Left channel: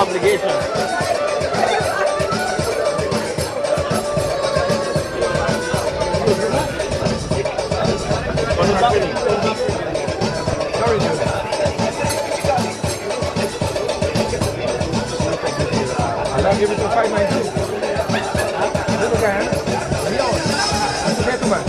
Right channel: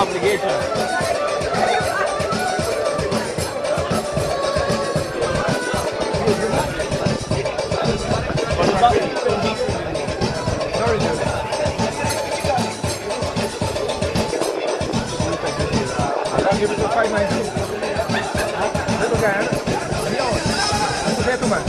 obligation. Give it to 590. Look again. Gentlemen.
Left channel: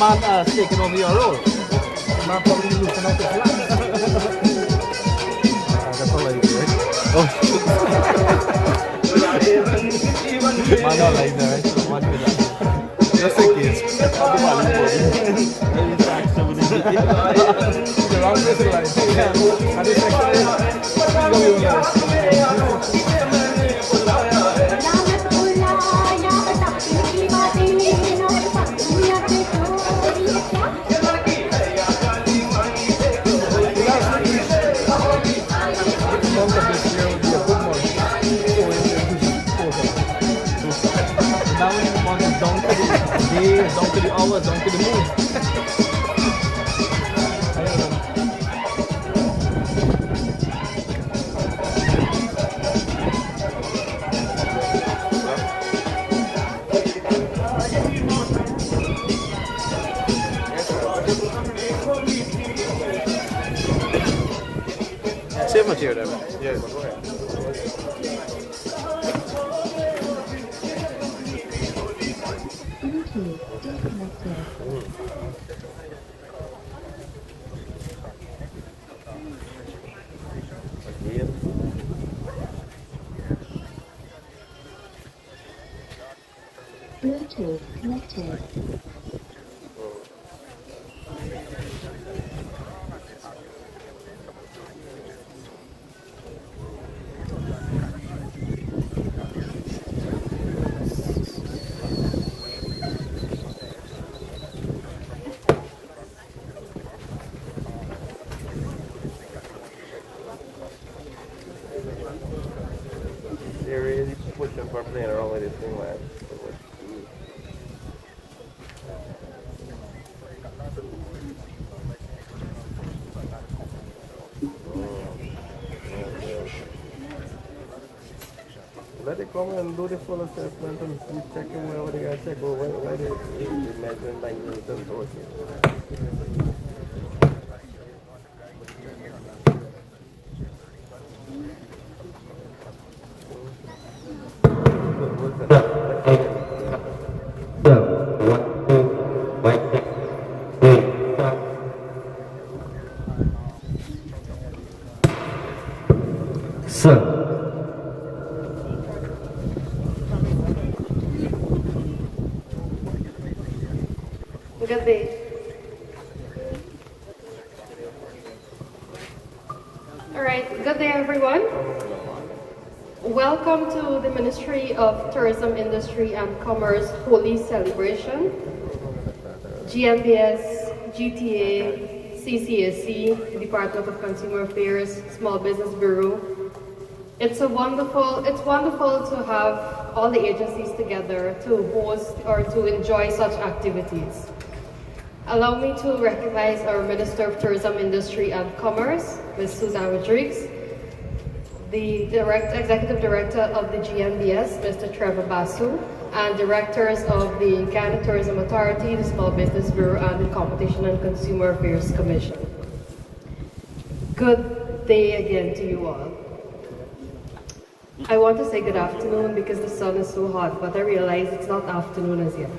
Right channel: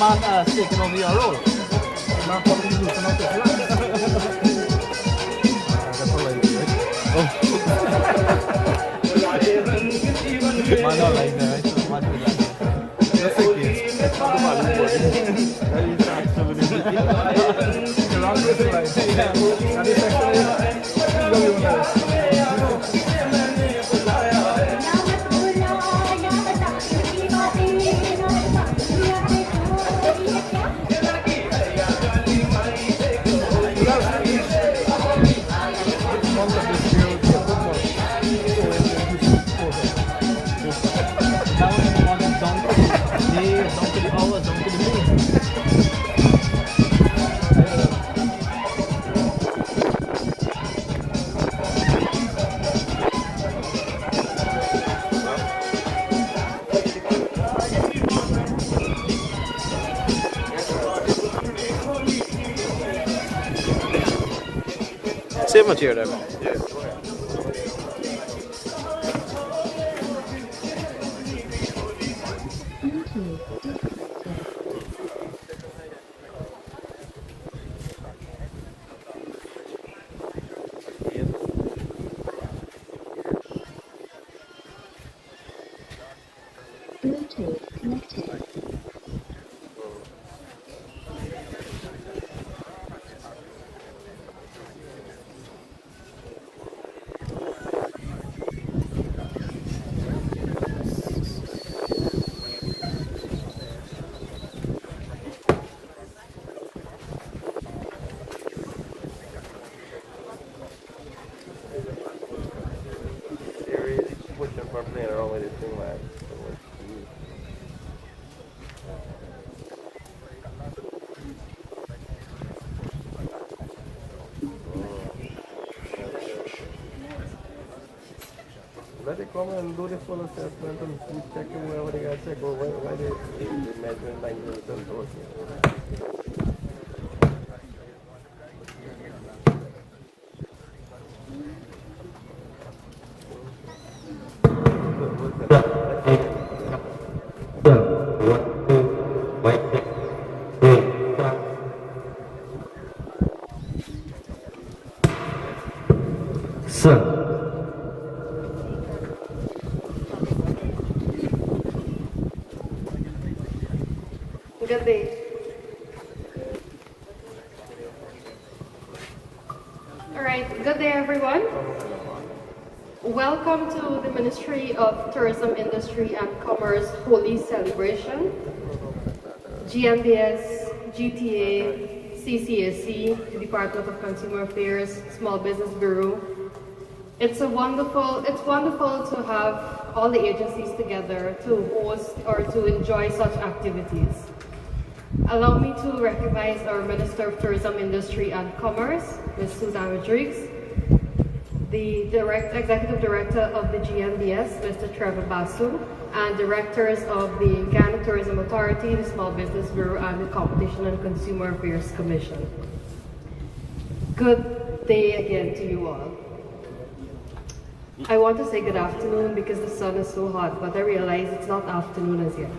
Man speaking of your role. Man probably losing out there. That's all I do, right? Oh, man don't like that, right? So man do that. Just in case. Down to the hours, down to the moon. Same material. Bluetooth connected. Let it come and do this full assessment and keep checking wherever they gotta check, or where the measurement line is okay. Sir. Good day. All right, good day everyone. Welcome to the Ministry of Tourism, Industry and Commerce Holi celebration. GMBS, GTA, CCAC, Department of Consumer Affairs, Small Business Bureau. It's wonderful to have all the agencies together to host or to enjoy such activities. Allow me to recognize our Minister of Tourism, Industry and Commerce, Ms. Susan Rodriguez, the Executive Director of the GMBS, Mr. Trevor Basu, and Directors of the Ghana Tourism Authority, the Small Business Bureau, and the Competition and Consumer Affairs Commission. Good day again to you all. I want to say good afternoon because the sun is so hot, but I realize it's not afternoon as yet.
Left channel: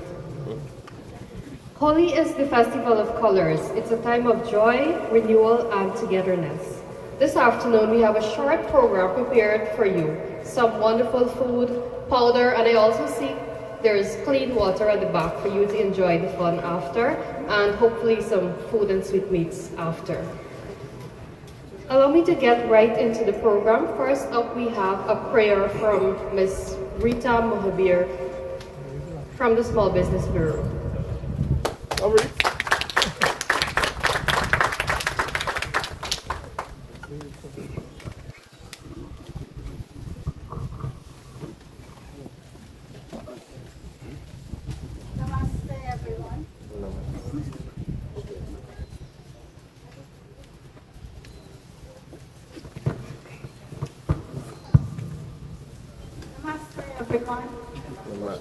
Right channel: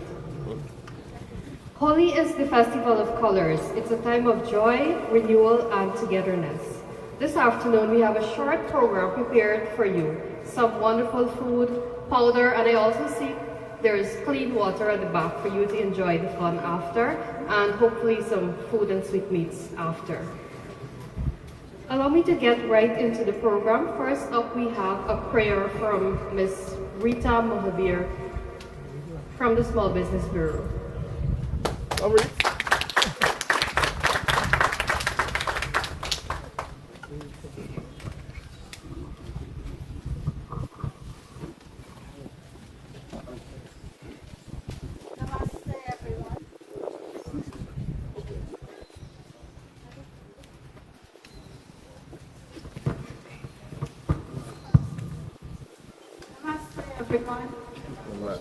Holi is the festival of colors. It's a time of joy, renewal, and togetherness. This afternoon, we have a short program prepared for you. Some wonderful food, powder, and I also see there's clean water at the back for you to enjoy the fun after, and hopefully some food and sweetmeats after. Allow me to get right into the program. First up, we have a prayer from Ms. Rita Mohabir from the Small Business Bureau. Everyone.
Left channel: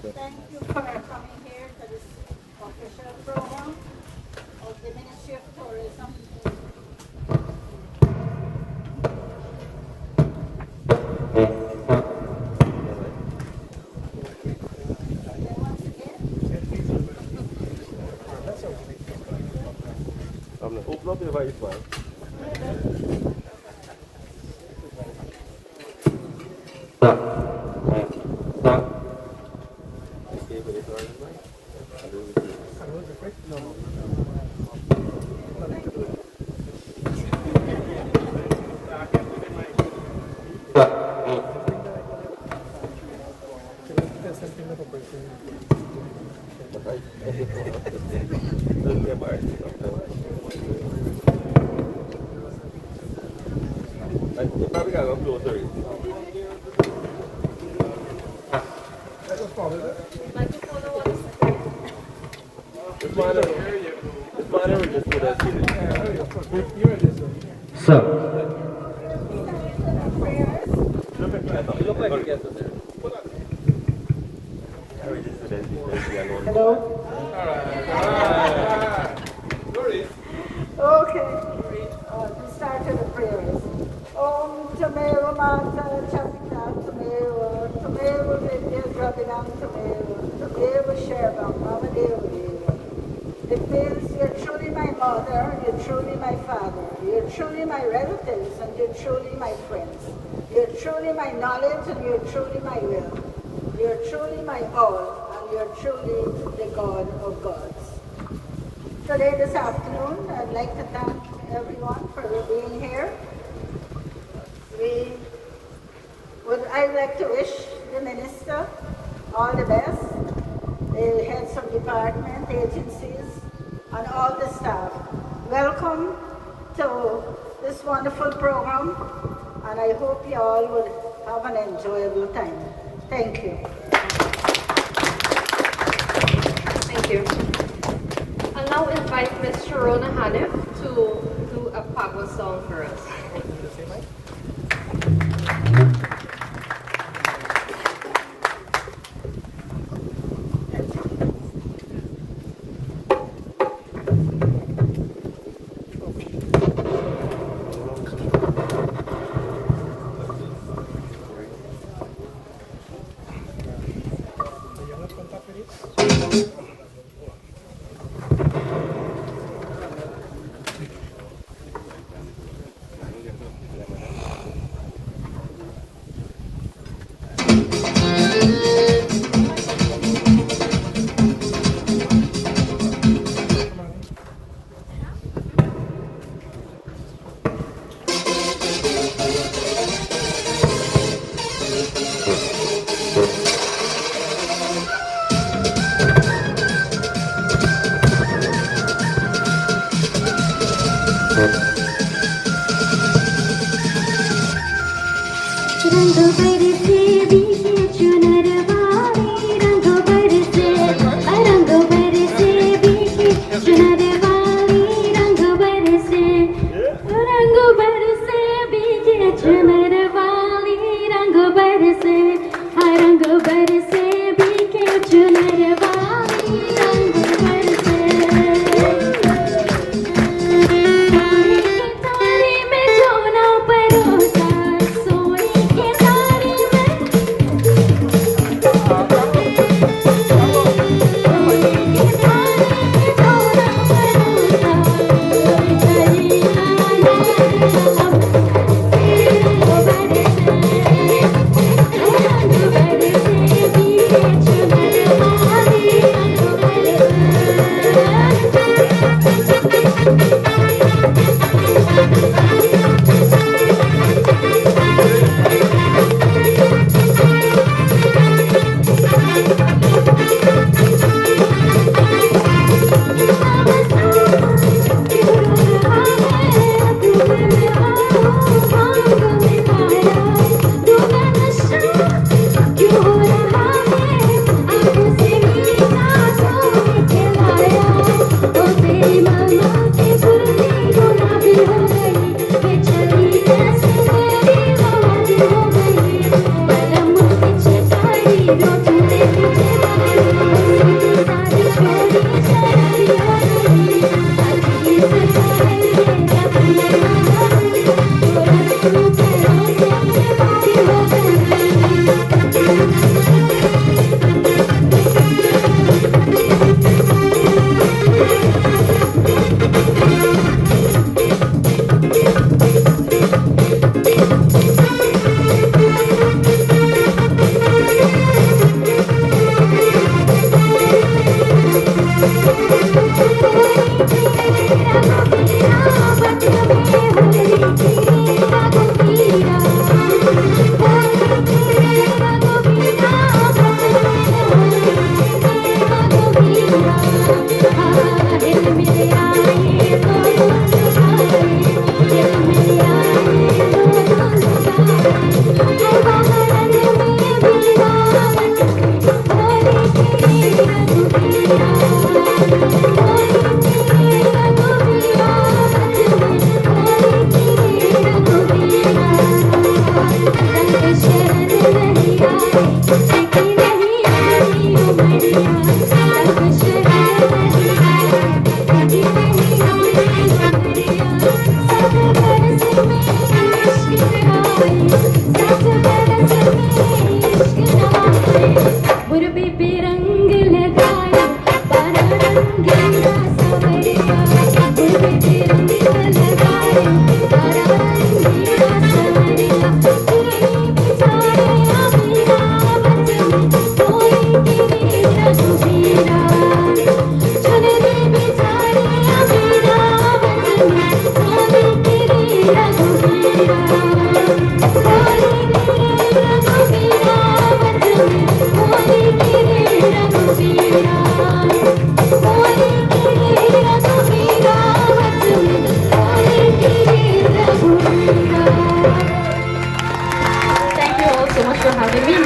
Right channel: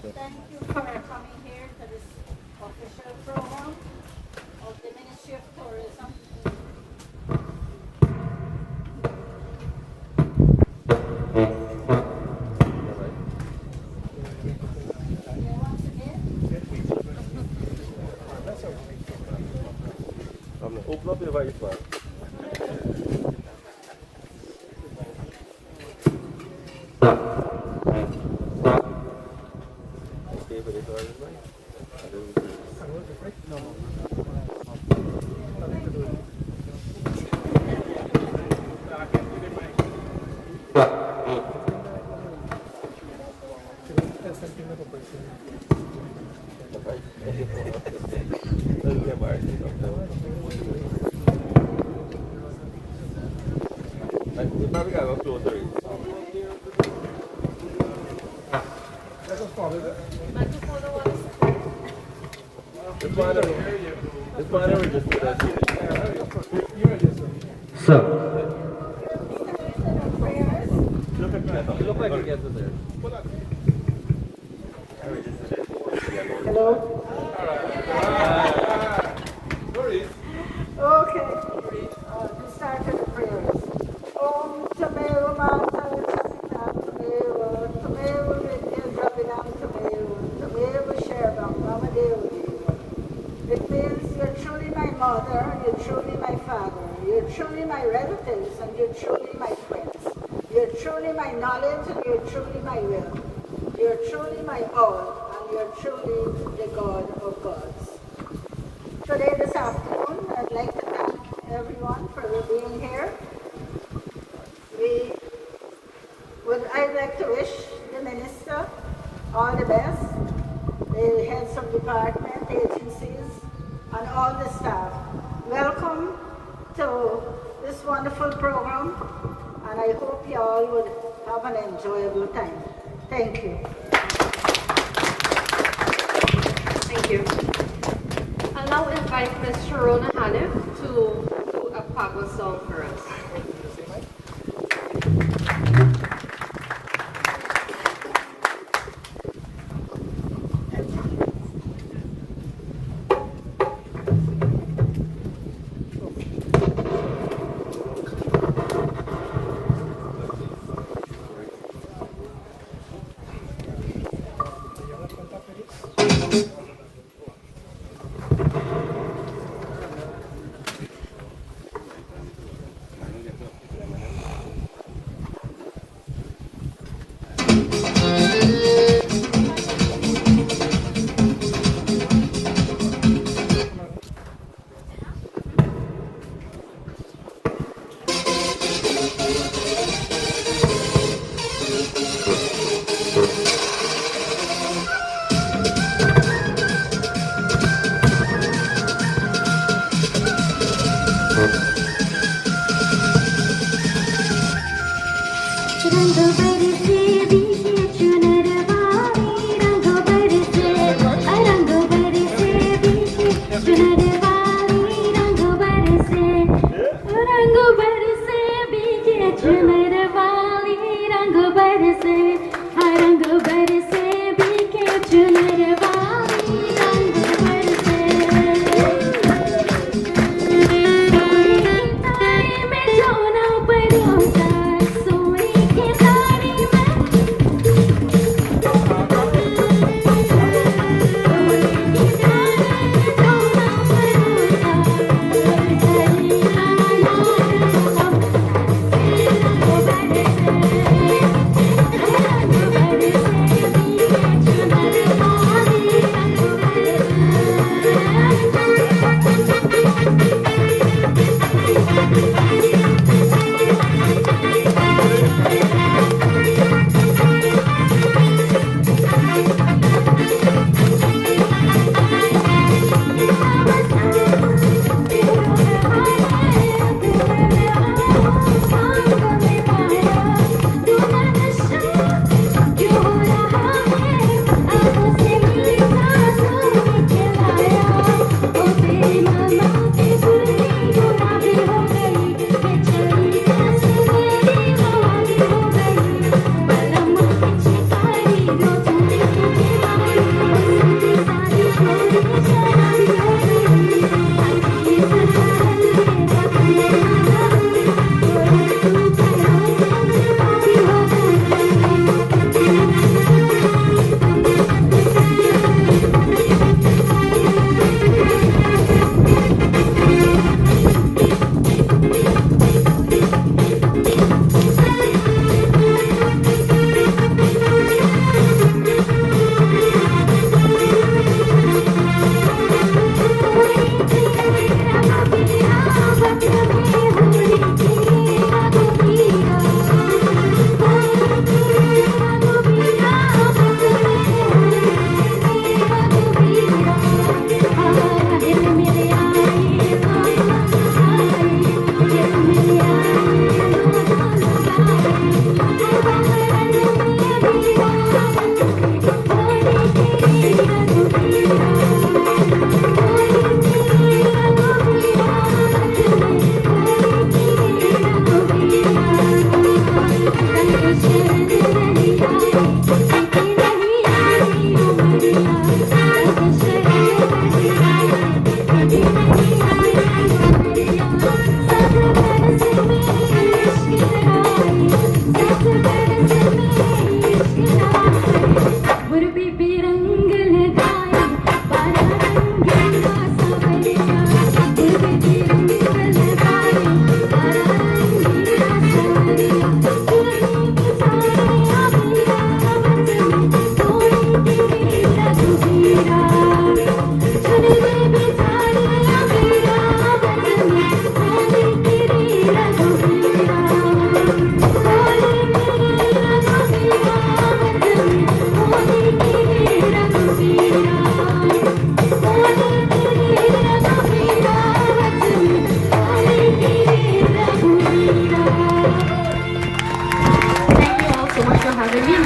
Thank you for coming here to this official program of the Ministry of Tourism. Once again, open up your device file. Sir. You look like you get to there. hello. Okay. We started the prayers. Om Tameo Mata Tapika Tameo Tameo Vidya Draping Tameo Tameo Sherma Mama Devi. It means you're truly my mother, you're truly my father, you're truly my relatives, and you're truly my friends. You're truly my knowledge, and you're truly my will. You're truly my all, and you're truly the God of gods. Today, this afternoon, I'd like to thank everyone for being here. I'd like to wish the Minister all the best, the heads of department, agencies, and all the staff. Welcome to this wonderful program, and I hope you all will have an enjoyable time. Thank you. Thank you. I'll now invite Ms. Sharona Hanif to do a Pago song for us.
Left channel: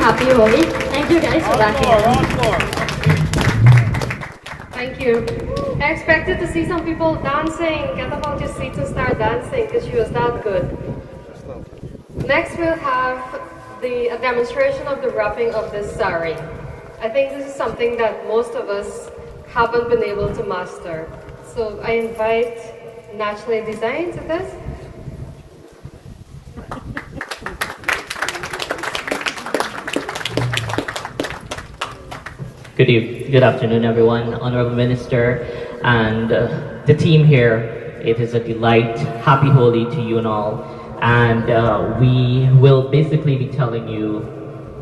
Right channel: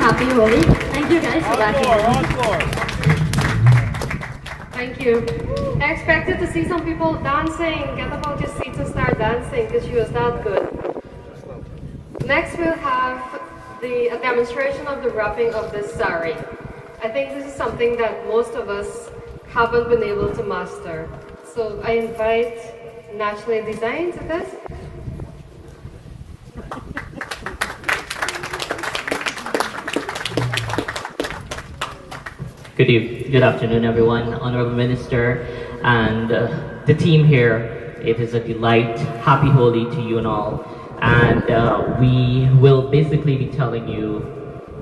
Happy Holi. Thank you guys for that. Thank you. I expected to see some people dancing, get up on your seats and start dancing because she was that good. Next we'll have a demonstration of the wrapping of this sari. I think this is something that most of us haven't been able to master. So I invite Naturally Designed to this. Good afternoon, everyone. Honorable Minister and the team here. It is a delight. Happy Holi to you and all. And we will basically be telling you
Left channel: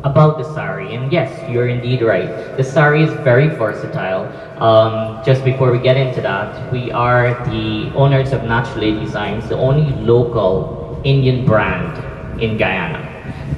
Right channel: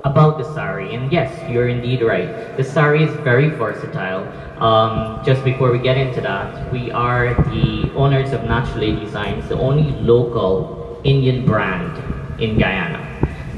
about the sari. And yes, you're indeed right. The sari is very versatile. Just before we get into that, we are the owners of Naturally Designs, the only local Indian brand in Guyana.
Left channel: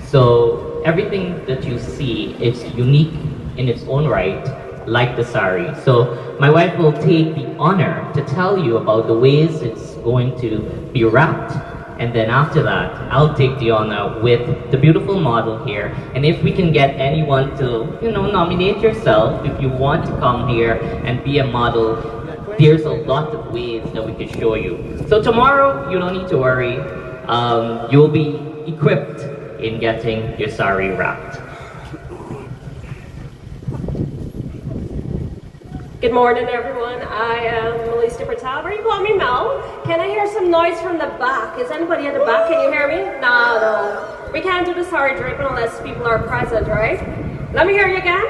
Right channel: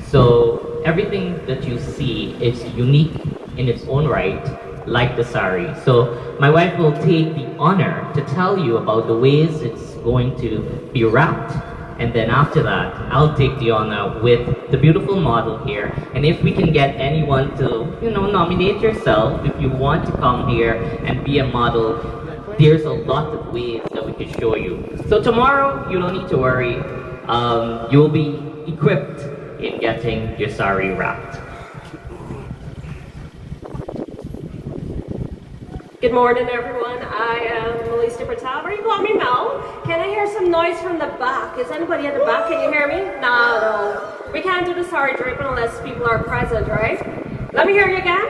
So everything that you see is unique in its own right, like the sari. So my wife will take the honor to tell you about the ways it's going to be wrapped. And then after that, I'll take the honor with the beautiful model here. And if we can get anyone to, nominate yourself, if you want to come here and be a model, there's a lot of ways that we can show you. So tomorrow, you don't need to worry. You'll be equipped in getting your sari wrapped. Good morning, everyone. I am Melissa Patel. Very call me Mel. Can I hear some noise from the back? Is anybody at the back? Can you hear me? No. We can't do the sari draping unless people are present, right? Let me hear you again.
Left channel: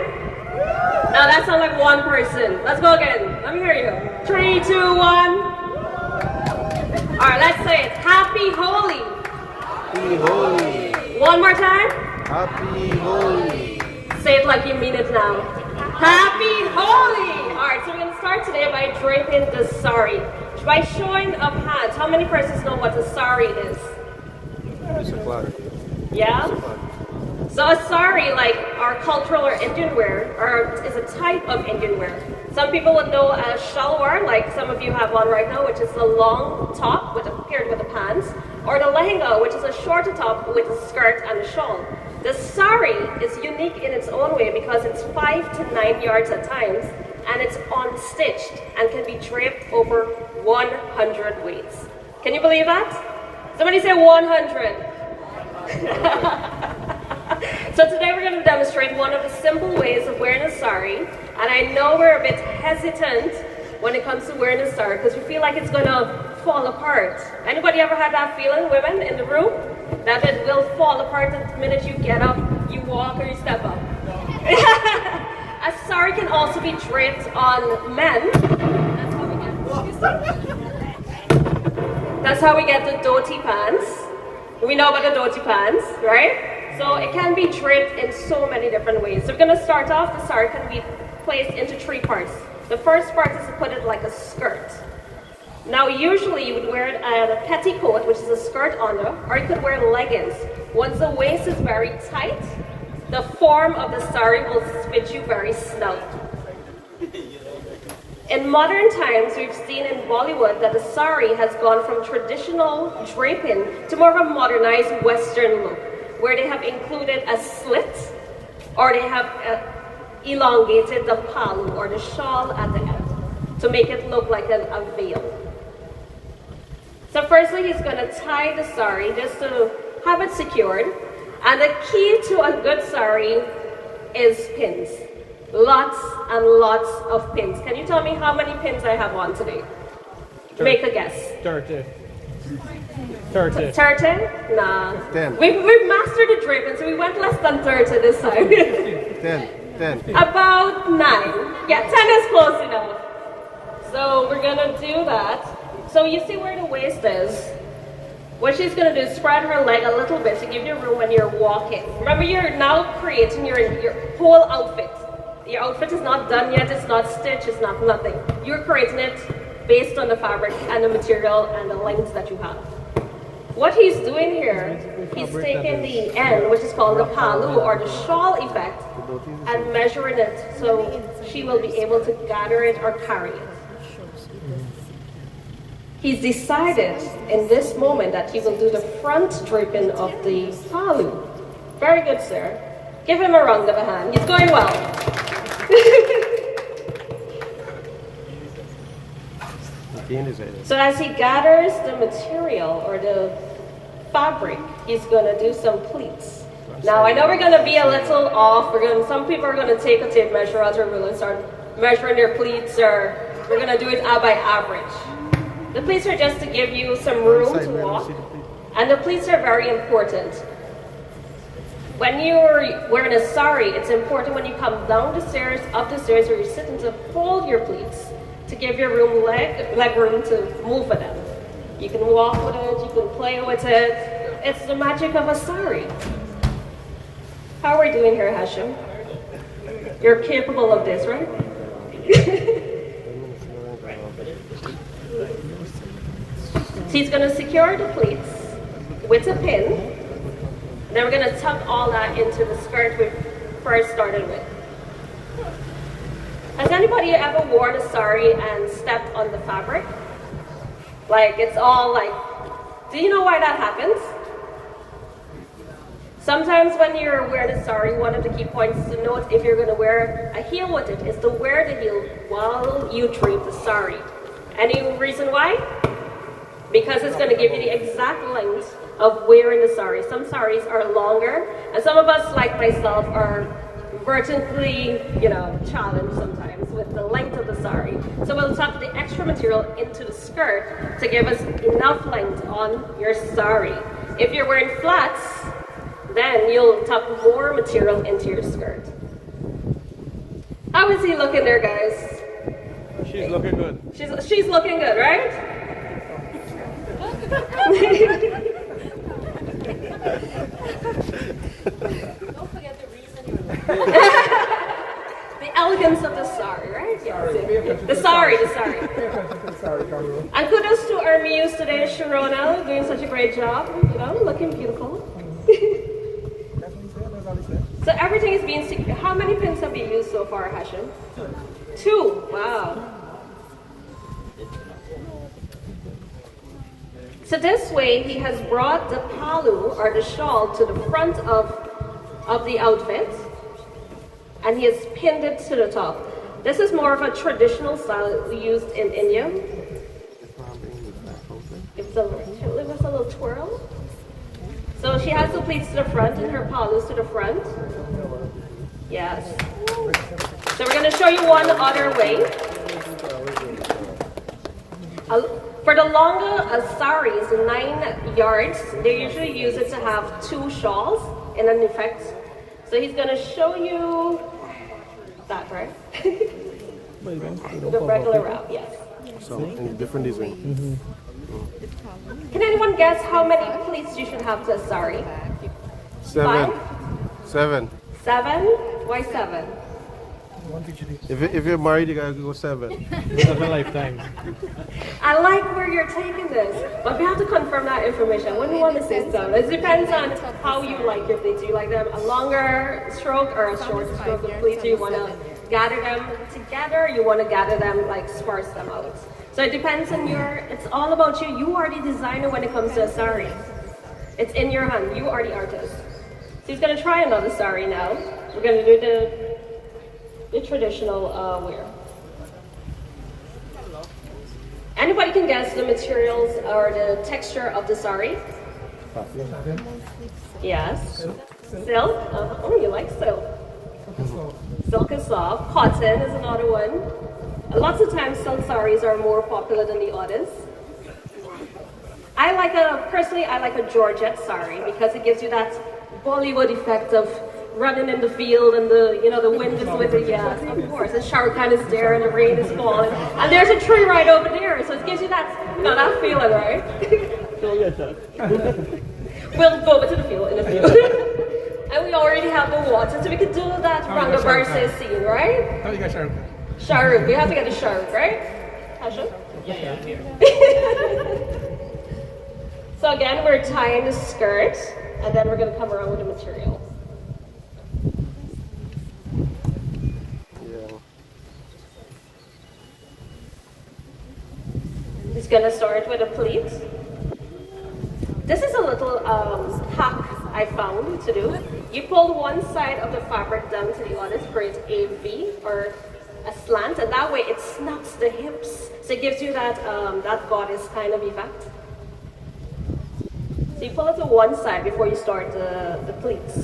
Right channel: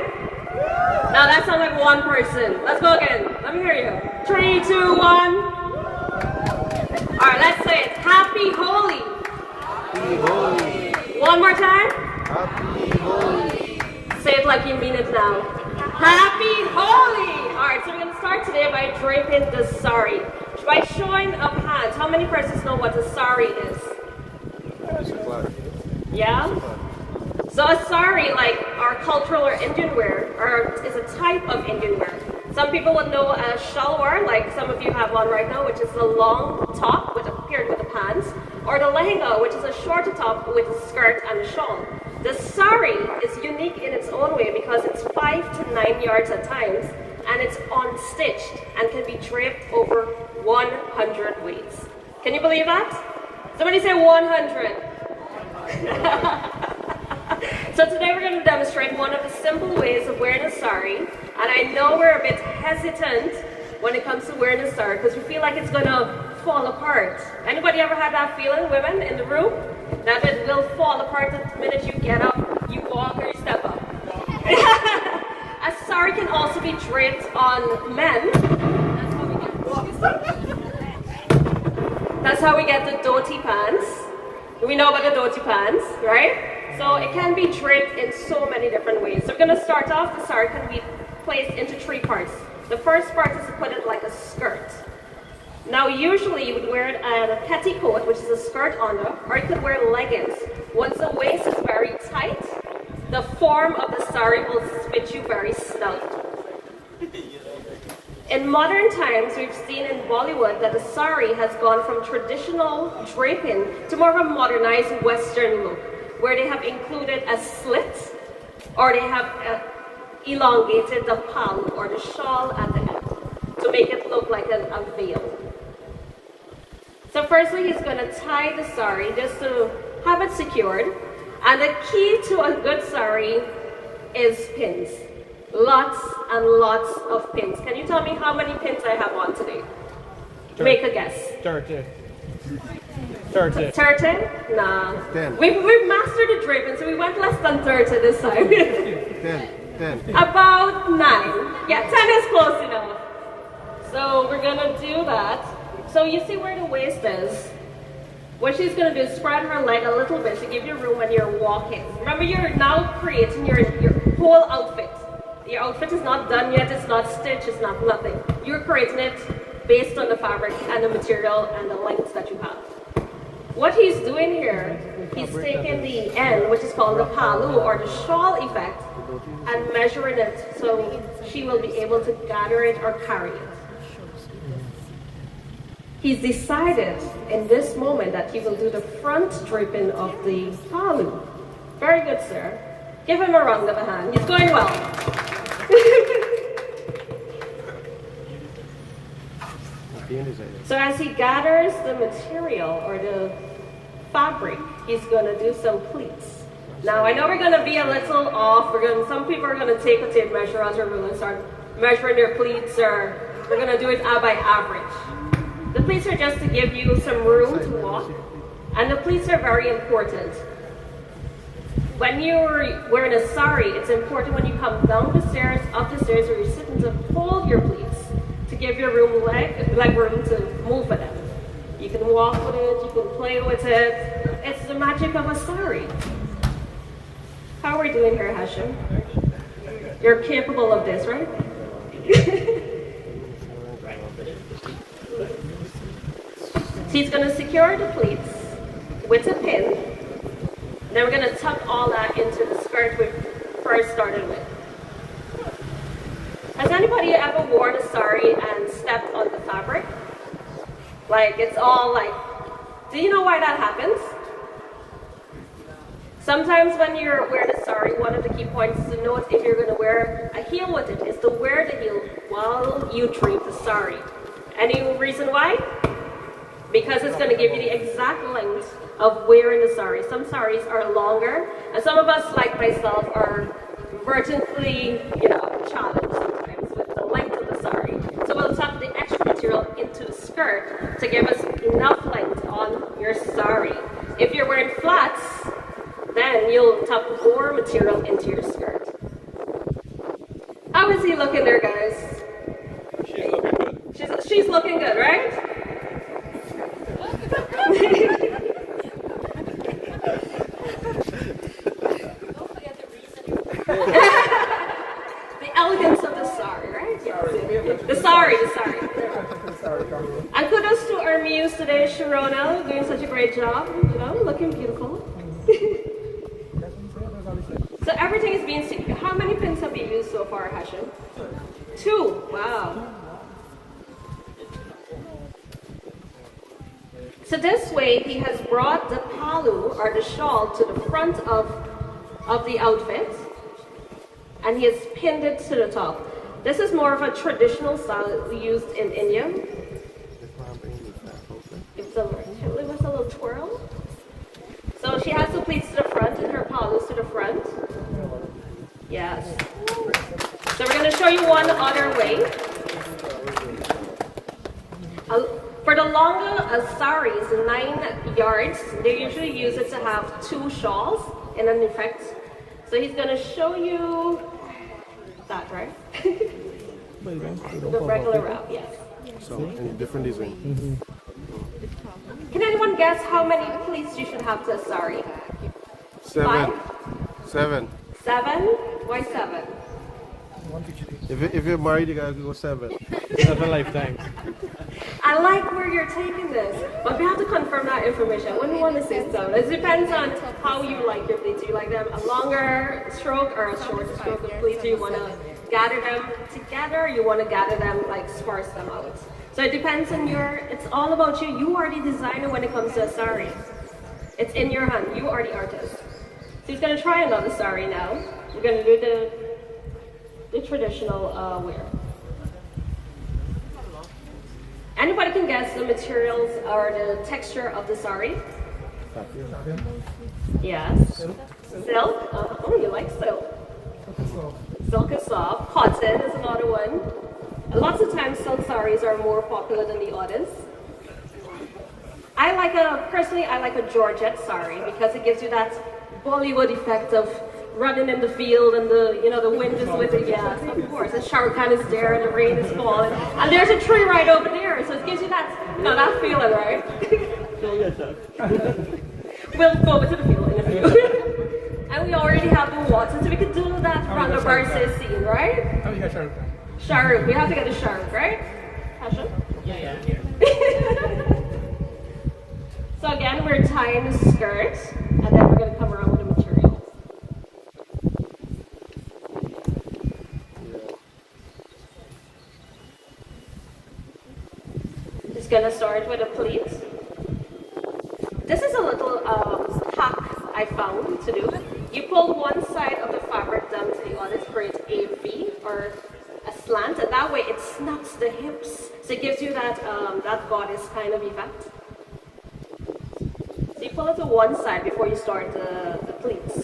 No, that sounds like one person. Let's go again. Let me hear you. 3, 2, 1. All right, let's say it. Happy Holi. Happy Holi. One more time. Happy Holi. Say it like you mean it now. Happy Holi! Alright, so we're going to start today by draping the sari. By showing of hands, how many persons know what a sari is? Yeah? So a sari, like our cultural or Indian wear, is a type of Indian wear. Some people would know as shalwar, like some of you have one right now, which is the long top paired with the pants, or the lehenga, which is a shorter top with a skirt and a shawl. The sari is unique in its own way because it's 5 to 9 yards at times, and it's unstitched and can be draped over 100 ways. Can you believe that? Somebody say 100. So today we're going to demonstrate one of the simple ways of wearing a sari, and I know we're a bit hesitant when it comes to wearing a sari because we feel like it's going to fall apart. Anybody ever had that feeling, women in the room? That it will fall apart the minute you get up, you walk, or you step up. A sari can also be draped on men. That's how we get the dhoti pants. We know about the dhoti pants, right? So it can be draped in so many different ways. So we're going to start off, the sari can be placed into 3 parts. The first part is to put it like a skirt. Now usually you would wear it as a petticoat, which is a skirt under, or you could wear leggings. Once the waist is very tight, the form of the sari will fit you very snug. In modern times, we've seen in Bollywood that the sari has gone from traditional draping to more of a modernized Western look, where they have included a slit, or they have elongated the palm or the shawl at the end to make it look like a veil. So firstly, he's going to tie the sari just to have it secured. And the key to a good sari is pins. Lots and lots of pins. Can you tell me how many pins I have on today? Make a guess. 30. 30? Nah. 10. We've mastered the draping, so we went less than 30 this time. 10. About 9. Yeah, 10 is close enough. So we're going to do that. So you see where the waist is. What she's going to do is spread her leg a little bit to give you room when you're walking. Remember, you're now creating your whole outfit. Your outfit is not done yet, it's not stitched, it's not nothing. You're creating it based on the fabric and the material and the lengths that you have. What he's doing here, he's taking the end, which is called the palu or the shawl effect, and measuring it so she will be able to gather it or carry it. He's decided in this moment that he will do the front draping of the palu. Very good, sir. Give him a round of a hand. He's going well. So as he gathers the material or the fabric, he's going to do some pleats. Now I know we're going to be a little off. Some people are going to take a tape measure out, or we're going to start measuring their pleats, or we're going to do it by average. The pleats are just to give you some room to walk, and the pleats are very important. When you're wearing a sari, it's important when you come down the stairs, up the stairs, or you're sitting to hold your pleats to give your leg room to move with them. You can walk with it, you can play with it. It's the magic of a sari. How are we doing here, Hashem? You're capable of this, right? He's going to secure the pleats with a pin. Then we're gonna tuck all that into the skirt we first started with. Has anybody ever worn a sari and stepped on the fabric? Like it's all like, do you know why that happens? Sometimes when you're wearing a sari, one of the key points to note if you're going to wear a heel with it is to wear the heel while you drape the sari. Any reason why? Because it's going to give you the exact length of wearing the sari. Some saris are longer, and some of us, like myself, are vertically, challenged sometimes with the length of the sari. So we'll tuck the extra material into the skirt to give us enough length on your sari. If you're wearing flats, then you'll tuck more material into your skirt. How is he looking there, guys? She's looking good. She's looking good, right? The elegance of the sari, right? Yes. The sari. And kudos to our muse today, Sharona, doing such a great job. Looking beautiful. So everything is being secured. How many pins have you used so far, Hashan? 2. Wow. So this way, he has brought the palu or the shawl to the front of the outfit, and he has pinned it to the top. This is more of a traditional style used in India. It was a little twirl. So she has the pleats to the front and her palus to the front. Yes. So we're going to show you one other way. For the longer saris, 9 yards, they usually use it to have 2 shawls in an effect. So he's going to show you that, right? The regular route, yes. So, different design. Can anyone guess how many pleats you should have to a sari? 7. 7. 7? Why 7? If you're married, you gotta go 7. That's a lifetime. I like where you're taking this, but we have to confirm that information. When we want to say 7, it depends on how you like your pleats. Do you like them a longer stroke or a shorter stroke of pleats? Do you want to gather them together? Or you want to gather them, like sparse them out? So it depends on it's all about you. You are the designer when it comes to a sari. It's in your hand. You are the artist. So he's going to try another sari now. We're going to do the traditional wear. Anybody can guess the materials or the texture of the sari? Yes. Silk? Oh, you like silk. Silk is soft. Cotton is another one. And lots of times silk saris are more popular than the others. Personally, I like a Georgette sari because it gives you that Bollywood effect of running in the field and the wind is with it. Yeah, of course. The shower kind is there and the rain is falling. And there's a tree right over there, so it gives you that, that feeling, right? We'll go to the field in a few. And we already have the water, so we can do that from the versus scene, right? How you got Shahrukh? Shahrukh, we have to get the Shahrukh, right? Tasha? Yeah. So again, we're tying the skirt, and then we're going to come around with the material. Just going to start with a pleat. This is a little hack I found to do. You pull one side of the fabric down to the other to create a V or a slant, and that way it snaps the hips. So it gives you that that goddess kind of effect. So you pull it to one side before you start the pleats.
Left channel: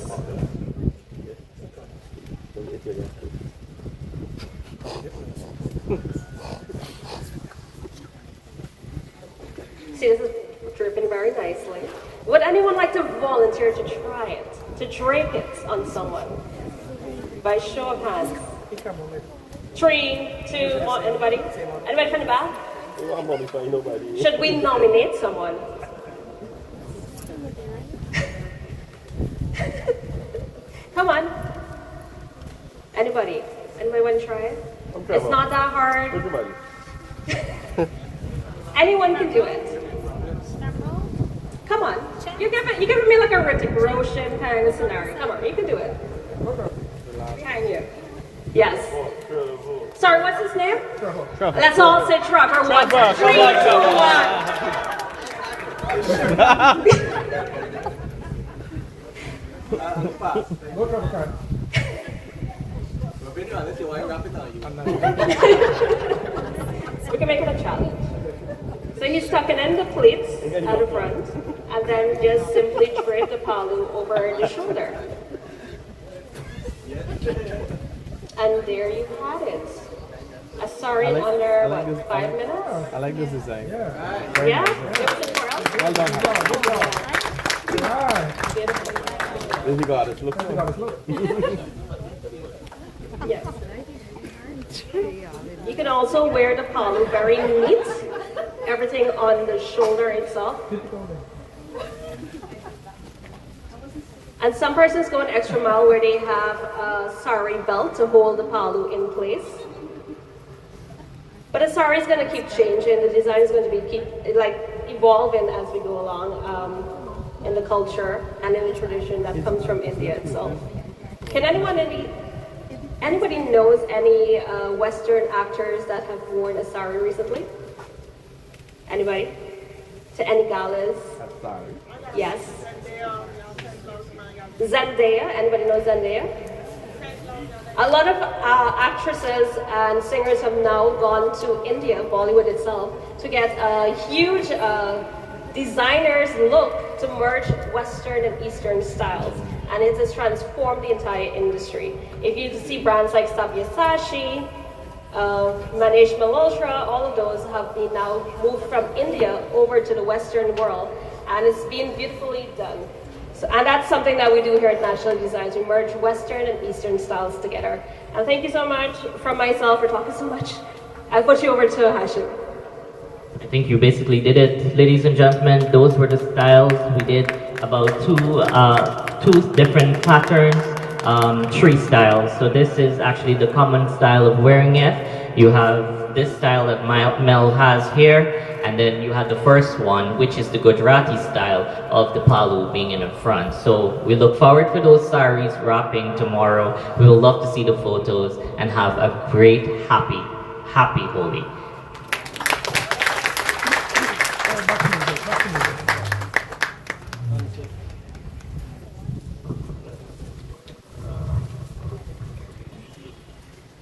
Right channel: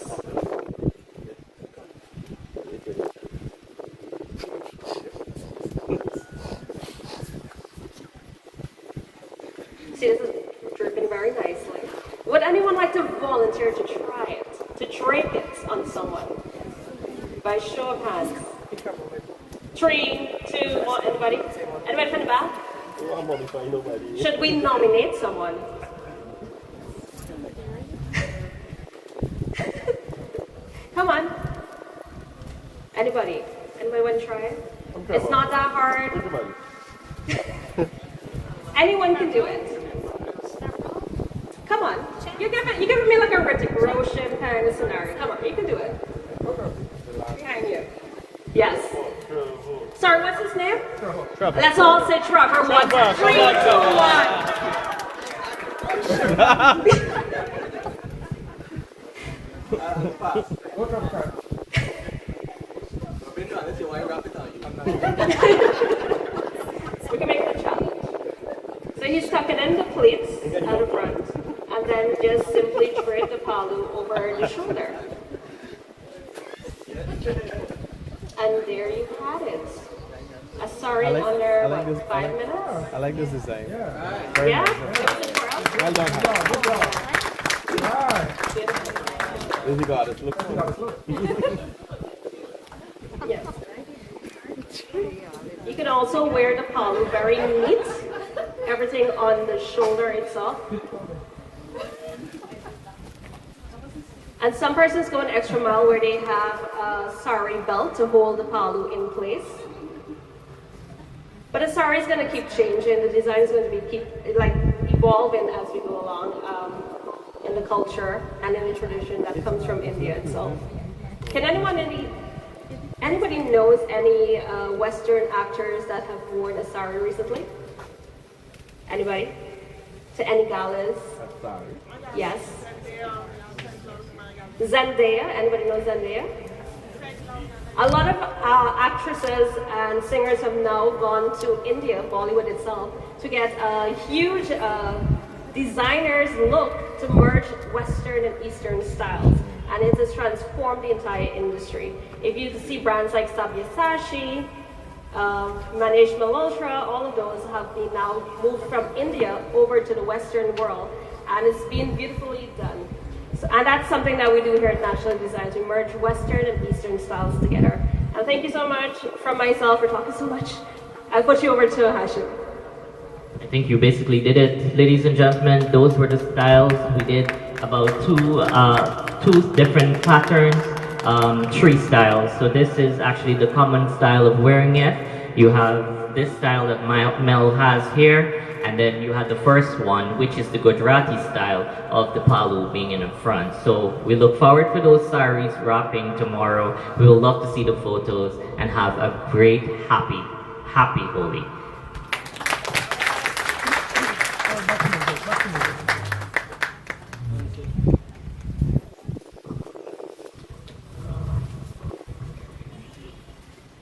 See, this is dripping very nicely. Would anyone like to volunteer to try it, to drape it on someone? By show of hands. 3, 2, 1, anybody? Anybody from the back? Should we nominate someone? Come on. Anybody? Anybody want to try it? It's not that hard. Anyone can do it. Come on. You're giving me like a Ritik Roshan kind of scenario. Come on, you can do it. Behind you. Yes. Sorry, what's his name? Trevor. Let's all say Trevor. Trevor, come on, Go Trevor, Sari. We can make it a challenge. So he's tucking in the pleats at the front, and then just simply drape the palu over the shoulder. And there you had it. A sari under I like this. 5 minutes. I like this design. Yeah. Very Yeah? nice. Well done. Good job. Right. This you got it. Look. Yes. You can also wear the palu very neat. Everything on the shoulder itself. And some persons go an extra mile where they have a sari belt to hold the palu in place. But the sari is going to keep changing. The design is going to keep evolving as we go along in the culture and in the tradition that comes from India itself. Can anybody knows any Western actors that have worn a sari recently? Anybody? To any galas? Sorry. Yes. Zendaya. Anybody know Zendaya? A lot of actresses and singers have now gone to India, Bollywood itself, to get a huge designer's look to merge Western and Eastern styles. And it has transformed the entire industry. If you see brands like Sabyasachi, Manish Malhotra, all of those have been now moved from India over to the Western world, and it's been beautifully done. So, and that's something that we do here at National Designs. We merge Western and Eastern styles together. And thank you so much from myself for talking so much. I put you over to Hashim. I think you basically did it, ladies and gentlemen. Those were the styles. We did about two different patterns, three styles. So this is actually the common style of wearing it. You have this style that Mel has here, and then you have the first one, which is the Gujarati style of the palu being in the front. So we look forward for those saris wrapping tomorrow. We will love to see the photos and have a great, happy Holi.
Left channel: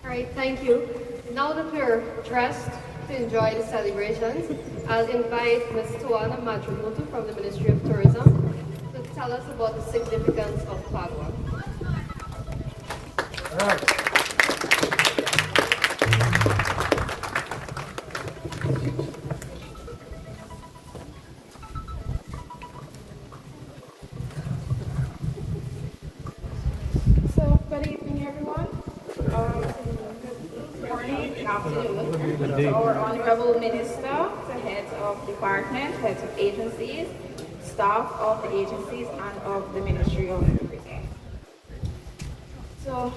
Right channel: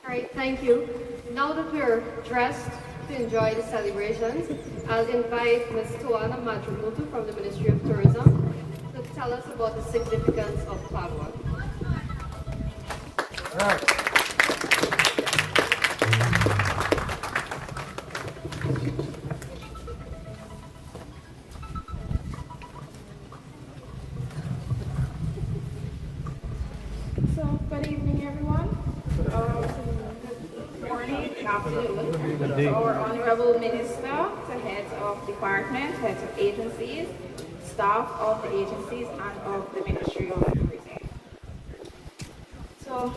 Alright, thank you. Now that we're dressed to enjoy the celebrations, I'll invite Ms. Tuana Matramutu from the Ministry of Tourism to tell us about the significance of Padua. So, good evening, everyone. Good morning, good afternoon. Good day. Our Honorable Minister, the heads of departments, heads of agencies, staff of the agencies, and of the Ministerial Tourism. So,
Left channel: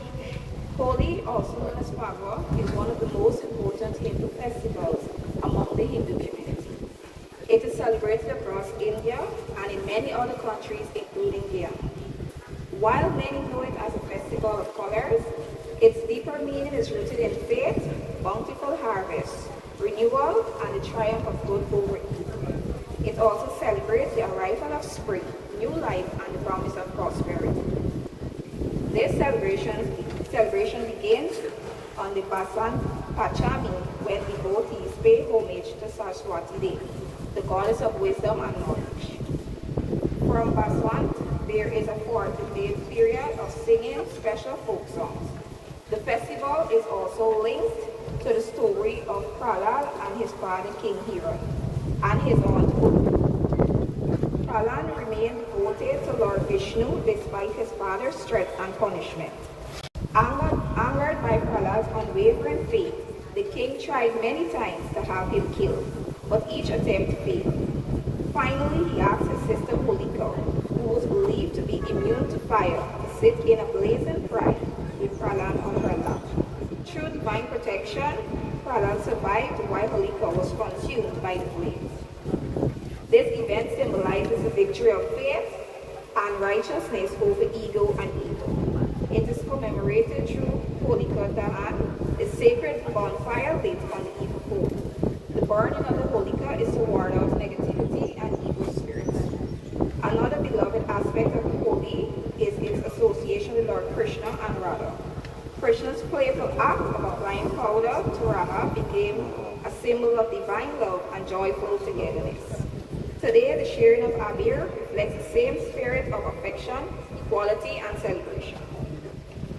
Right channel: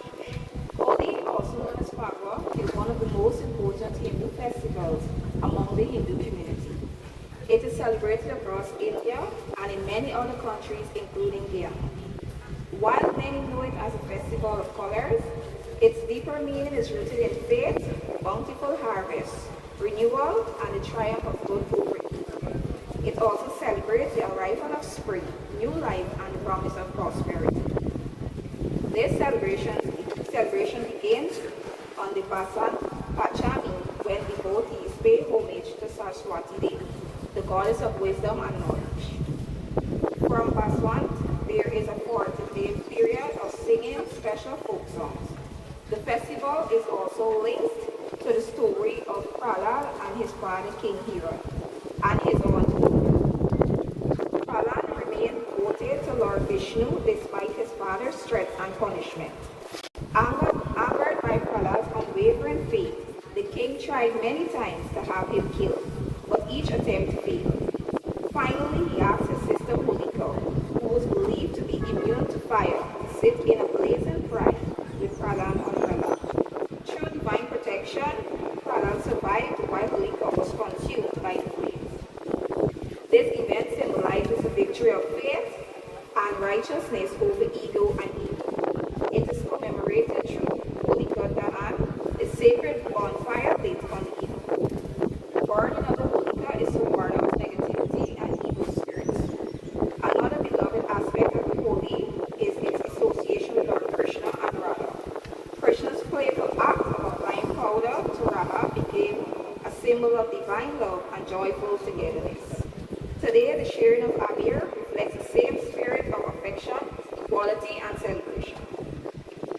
Holi, also known as Padua, is one of the most important Hindu festivals among the Hindu community. It is celebrated across India and in many other countries, including Guyana. While many know it as a festival of colors, its deeper meaning is rooted in faith, bountiful harvest, renewal, and the triumph of good over evil. It also celebrates the arrival of spring, new life, and the promise of prosperity. This celebration begins on the Basant Pachami, when devotees pay homage to Saraswati Devi, the goddess of wisdom and knowledge. From Basant, there is a 40-day period of singing special folk songs. The festival is also linked to the story of Prahlad and his father King Hira and his mother. Prahlad remained devoted to Lord Vishnu despite his father's threats and punishment. Angered by Prahlad's unwavering faith, the king tried many times to have him killed, but each attempt failed. Finally, he asked his sister Holika, who was believed to be immune to fire, to sit in a blazing fire with Prahlad on her lap. Through divine protection, Prahlad survived while Holika was consumed by the flames. This event symbolizes the victory of faith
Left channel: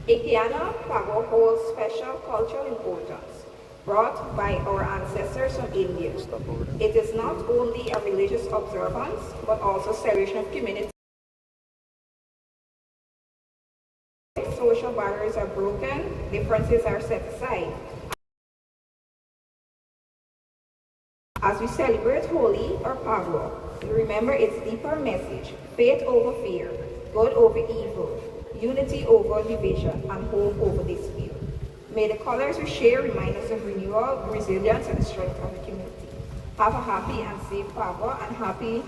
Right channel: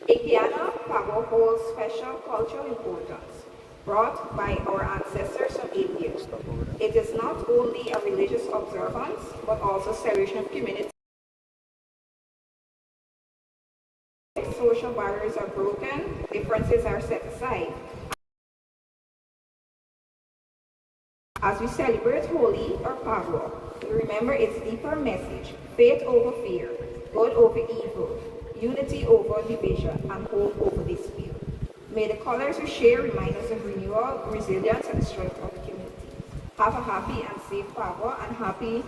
Ikiana Pago holds special cultural importance, brought by our ancestors from India. It is not only a religious observance, but also celebration of community. Social barriers are broken, differences are set aside. As we celebrate Holi or Pagwa, we remember its deeper message: faith over fear, good over evil, unity over division, and hope over dispute. May the colors we share remind us of renewal, resilience, and the strength of the community. Have a happy and safe Pagwa and happy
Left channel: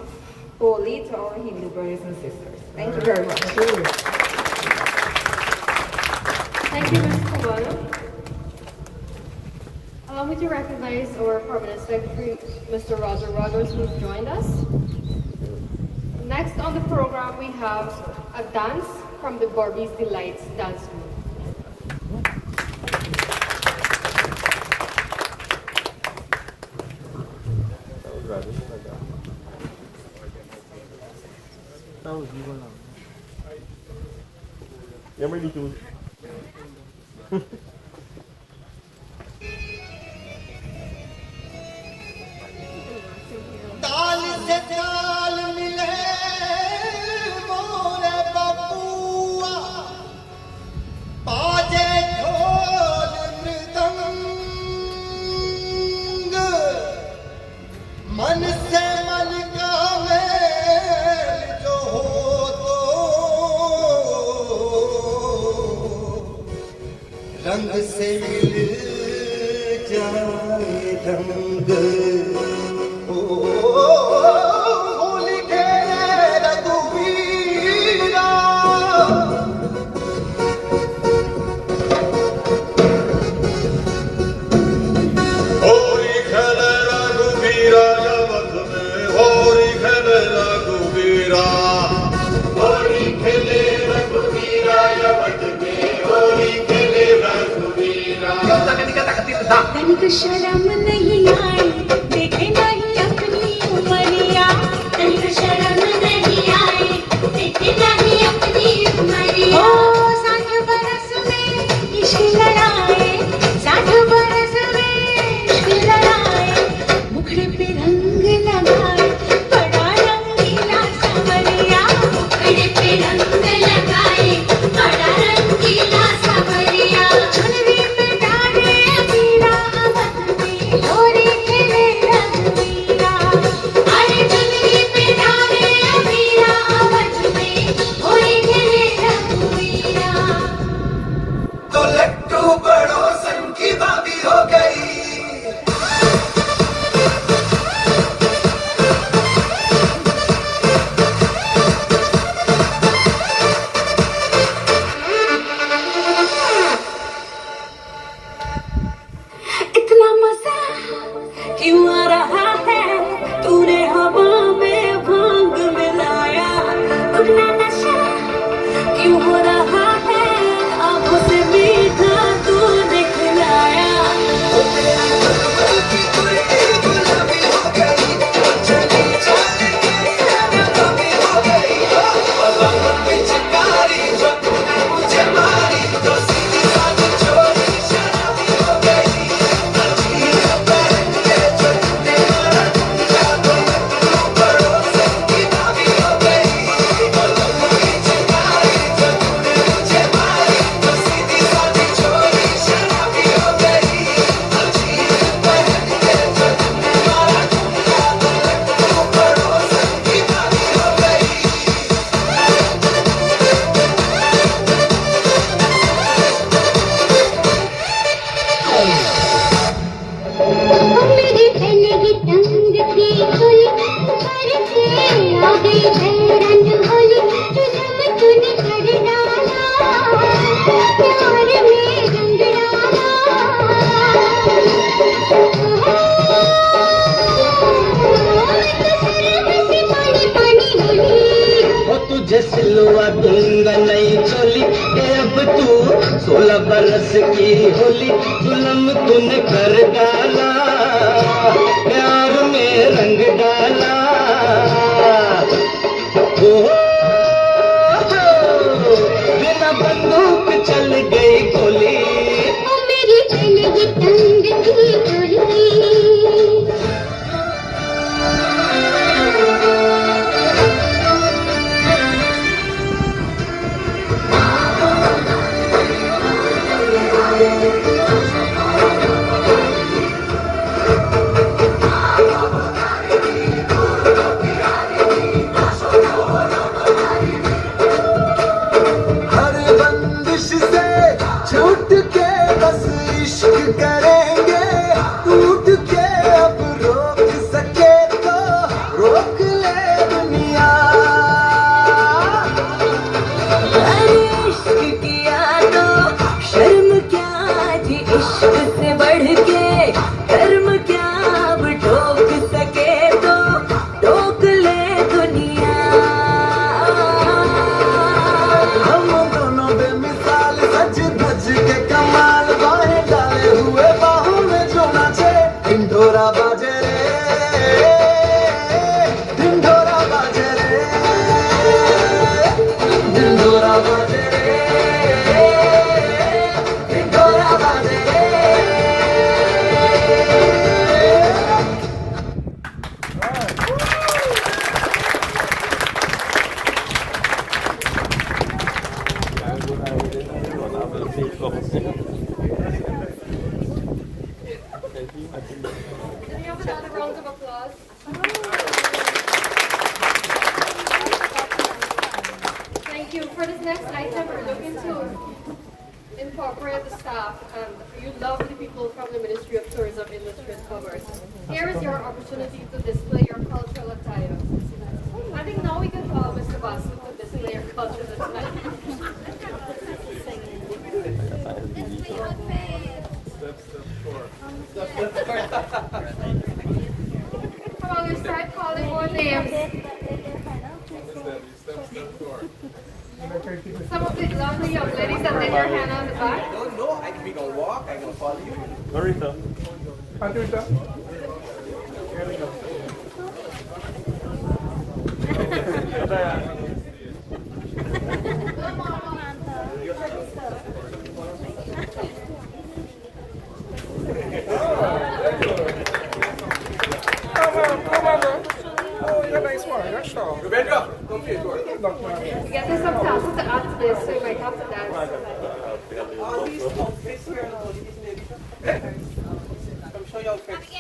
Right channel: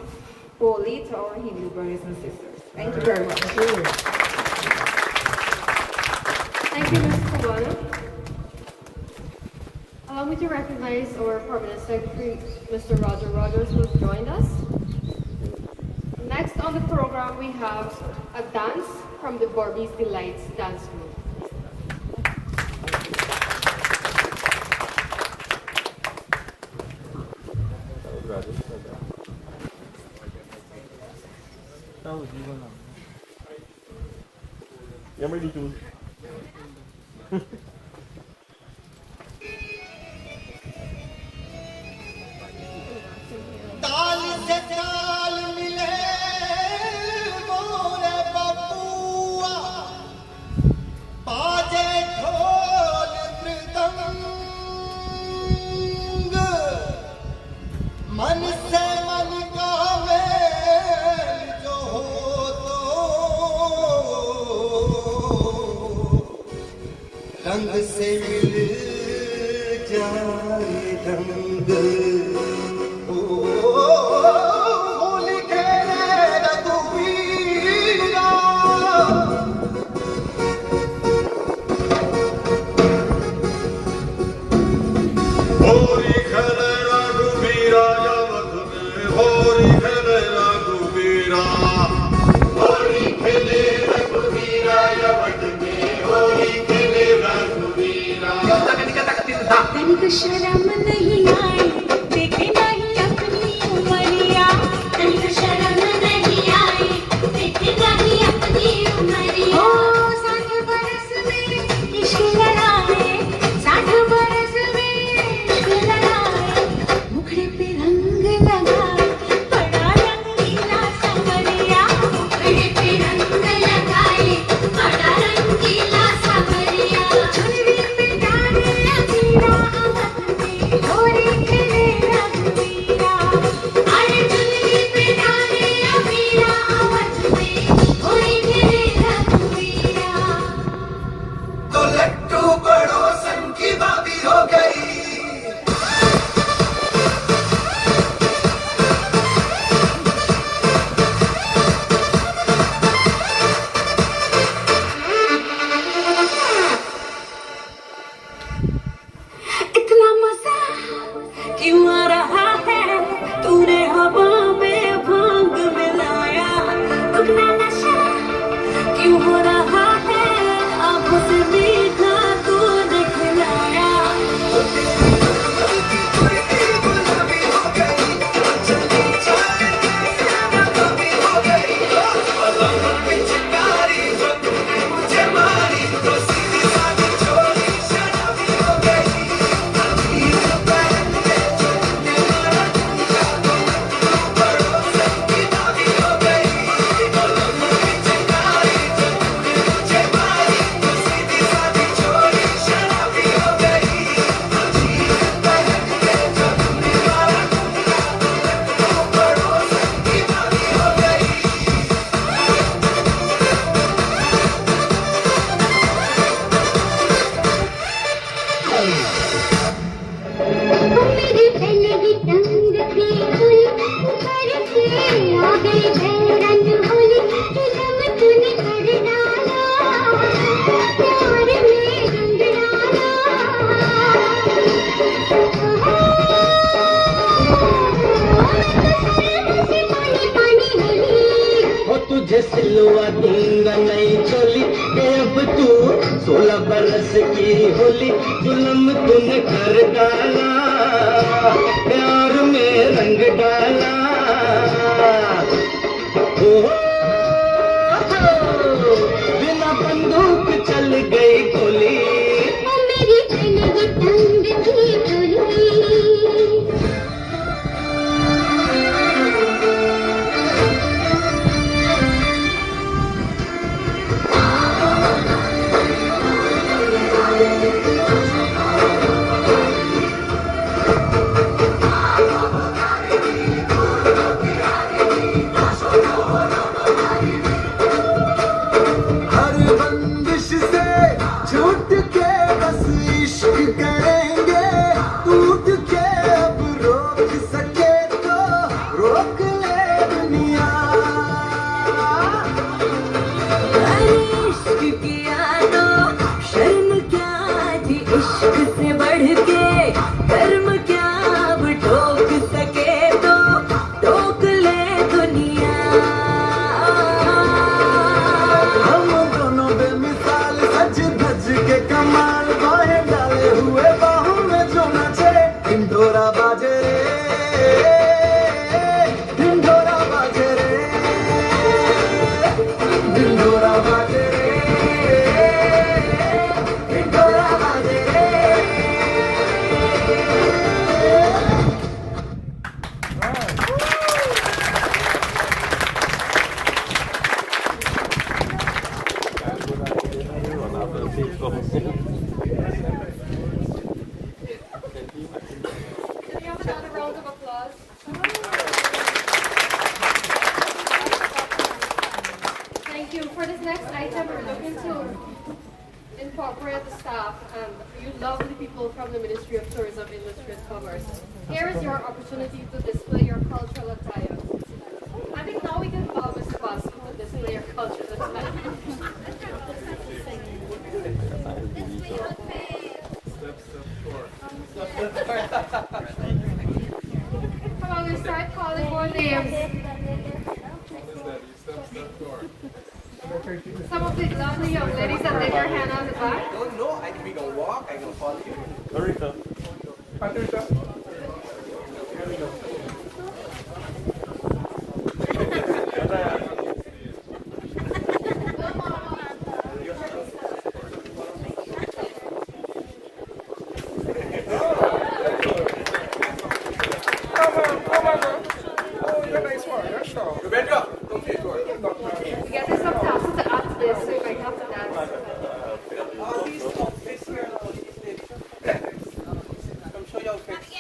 Holi to our Hindu brothers and sisters. Thank you very much. Thank you, Ms. Taylor. Allow me to recognize our Permanent Secretary, Mr. Roger Rogers, who has joined us. Next on the program, we have a dance from the Barbie's Delights Dance Group. ताल से ताल मिले मोरे बबुआ, बाजे ढोल मृदंग, मन से मन का मेल जो हो तो रंग से मिल जाए रंग। शर्म नहीं आए देखे नहीं अपनी उमरिया, तनिक शर्म नहीं आए देखे नहीं अपनी उमरिया। 60 बरस में इश्क लड़ाए, 60 बरस में इश्क लड़ाए, मुखड़े पे रंग लगाए बड़ा रंगीला संवरिया, मुखड़े पे रंग लगाए बड़ा रंगीला संवरिया। चुनरी पे डाले अबीरा होली खेले रघुवीरा, अरे चुनरी पे डाले अबीरा अवध में होली खेले रघुवीरा। तो लट्टू पड़ोसन की भाभी हो गई, इतना मजा क्यों आ रहा है, तूने हवा में भांग मिलाया, तुमने नशा क्यों हो रहा है, आंखों से मीठा तूने खिलाया। तुझे सिलवा दूंगा नई चोली, अब तू 16 बरस की होली, जुल्म तूने कर डाला, प्यार में रंग डाला। बिना बंदूक चल छूट के बस इश्क करेंगे टूट के अब रोक सके तो रोक ले दुनिया इश्क किया तो शर्म क्या जी इश्क से बढ़ के कर्म क्या अब ठोक सके तो ठोक ले दुनिया हम दोनों बेमिसाल सज धज के कमाल बाहें डाले हुए बाहों में जो नाचे ढिंढोरा बाजे रे ढिंढोरा बाजे रे ढिंढोरा बाजे रे ढिंढोरा बाजे रे Can we have another round of applause? Thank you. For this next item, we're looking to incorporate the staff and you lovely people from the Ministry of Tourism, Industry and Commerce. Here is your opportunity to display your cultural attire. I think now we can call Mr. Basu to display your cultural attire. Come on, let's start calling more names. Some of the lovely young ladies that lay their hand on the back. No, we gonna walk, I'm gonna follow you. Marita. Rebecca, come here, George. Get this up to add to this, so you might have to dance. All these outfits here, all these ladies. Come show your outfits.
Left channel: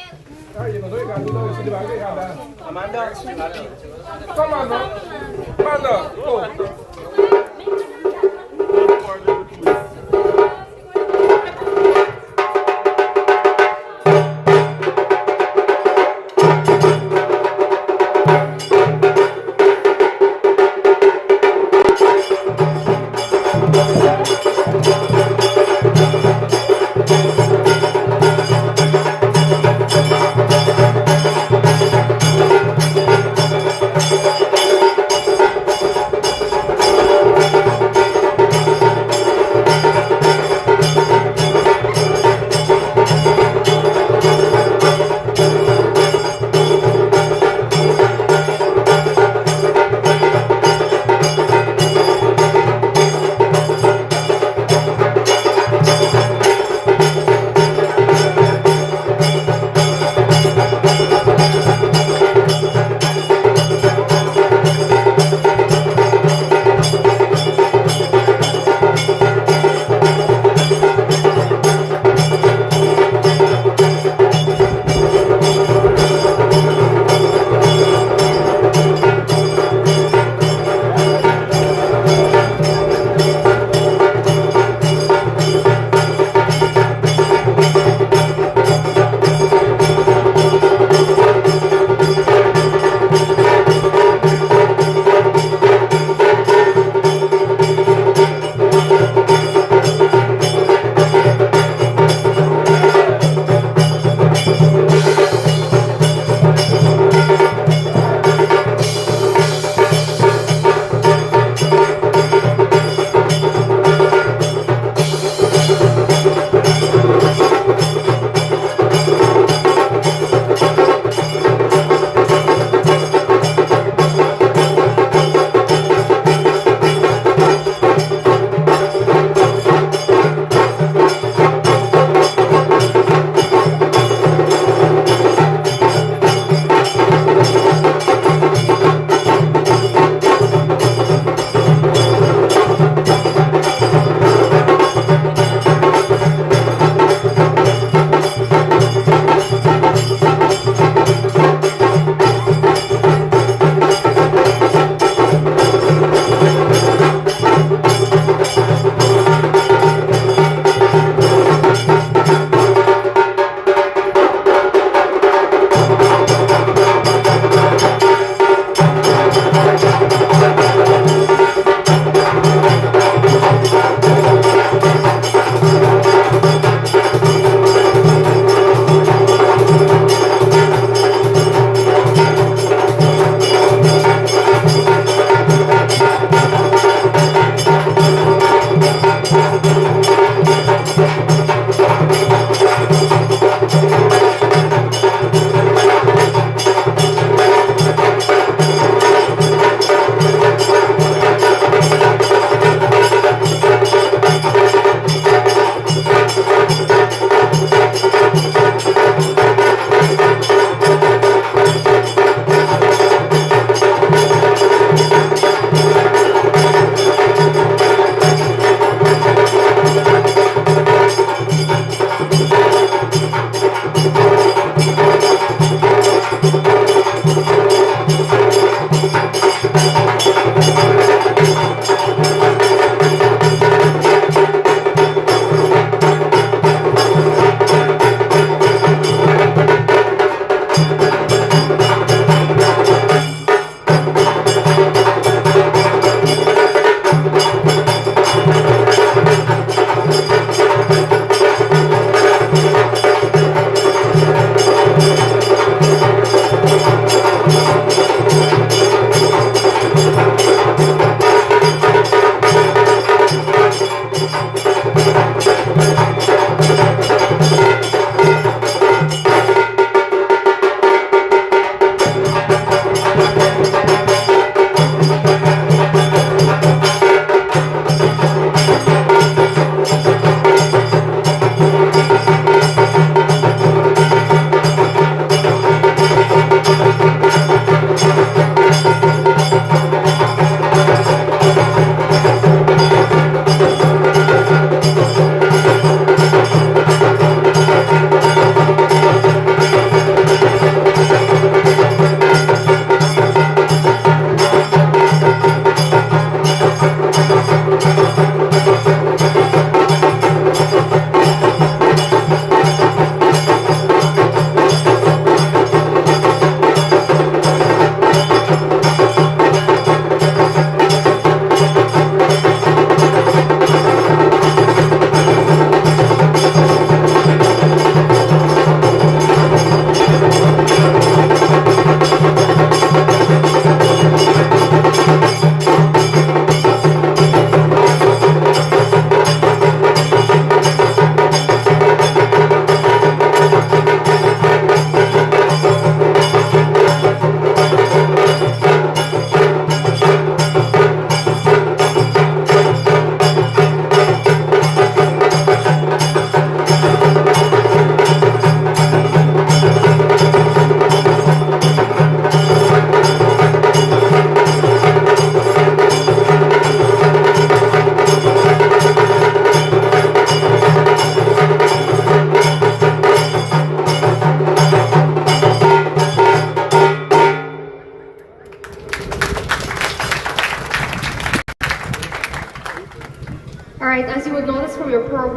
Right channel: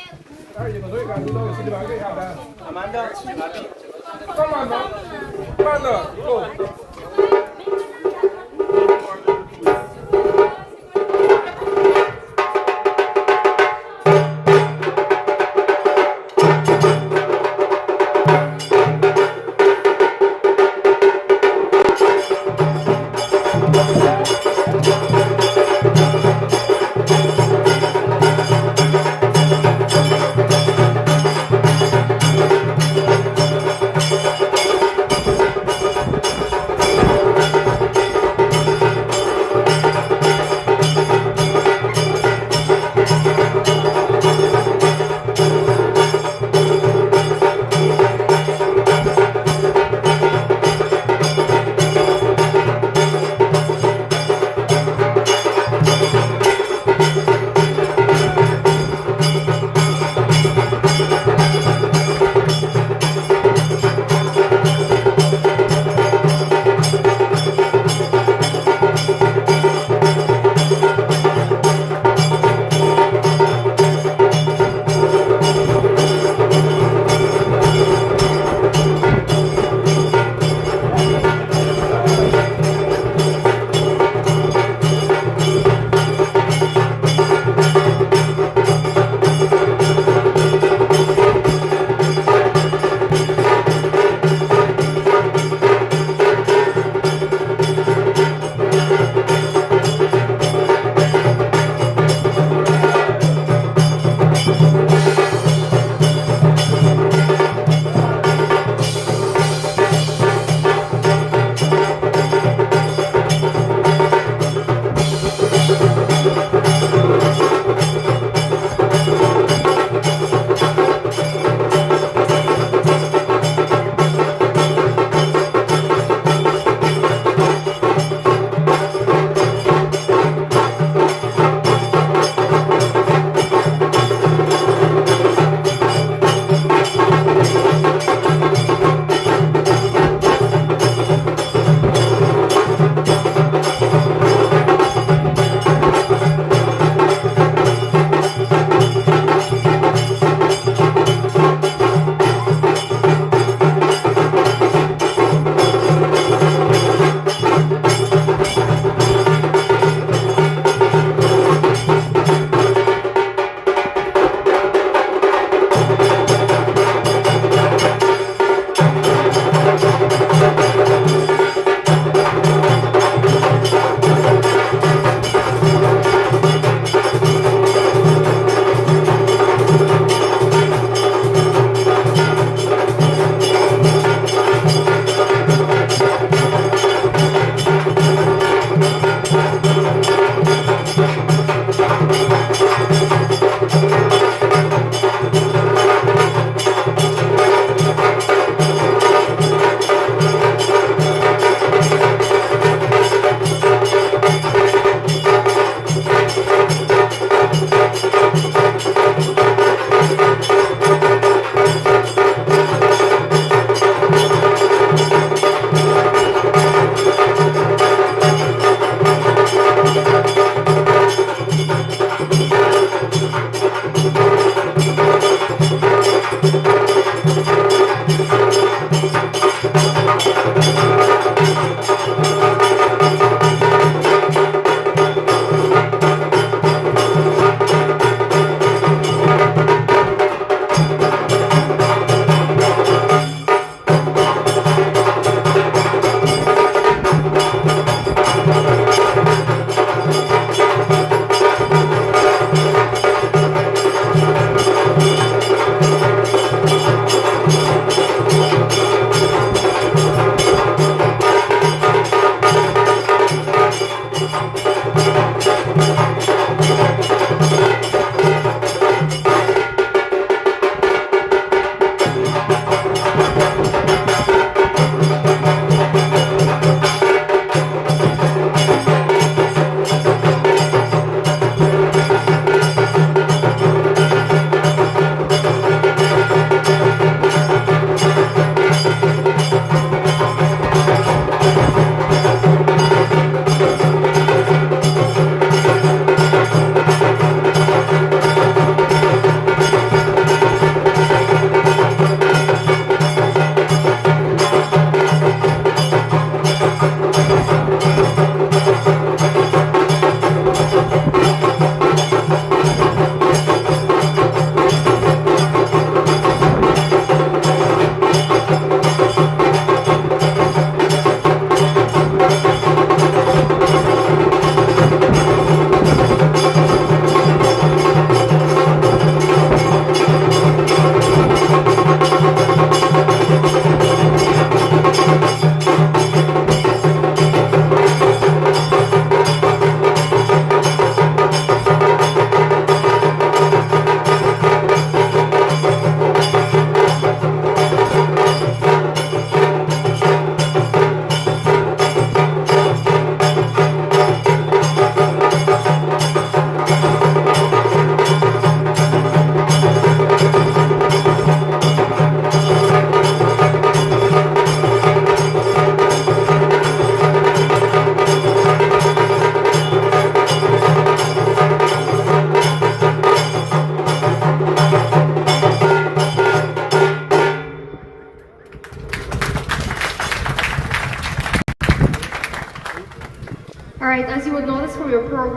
Amanda, Abby. Come on, man. Amanda, go.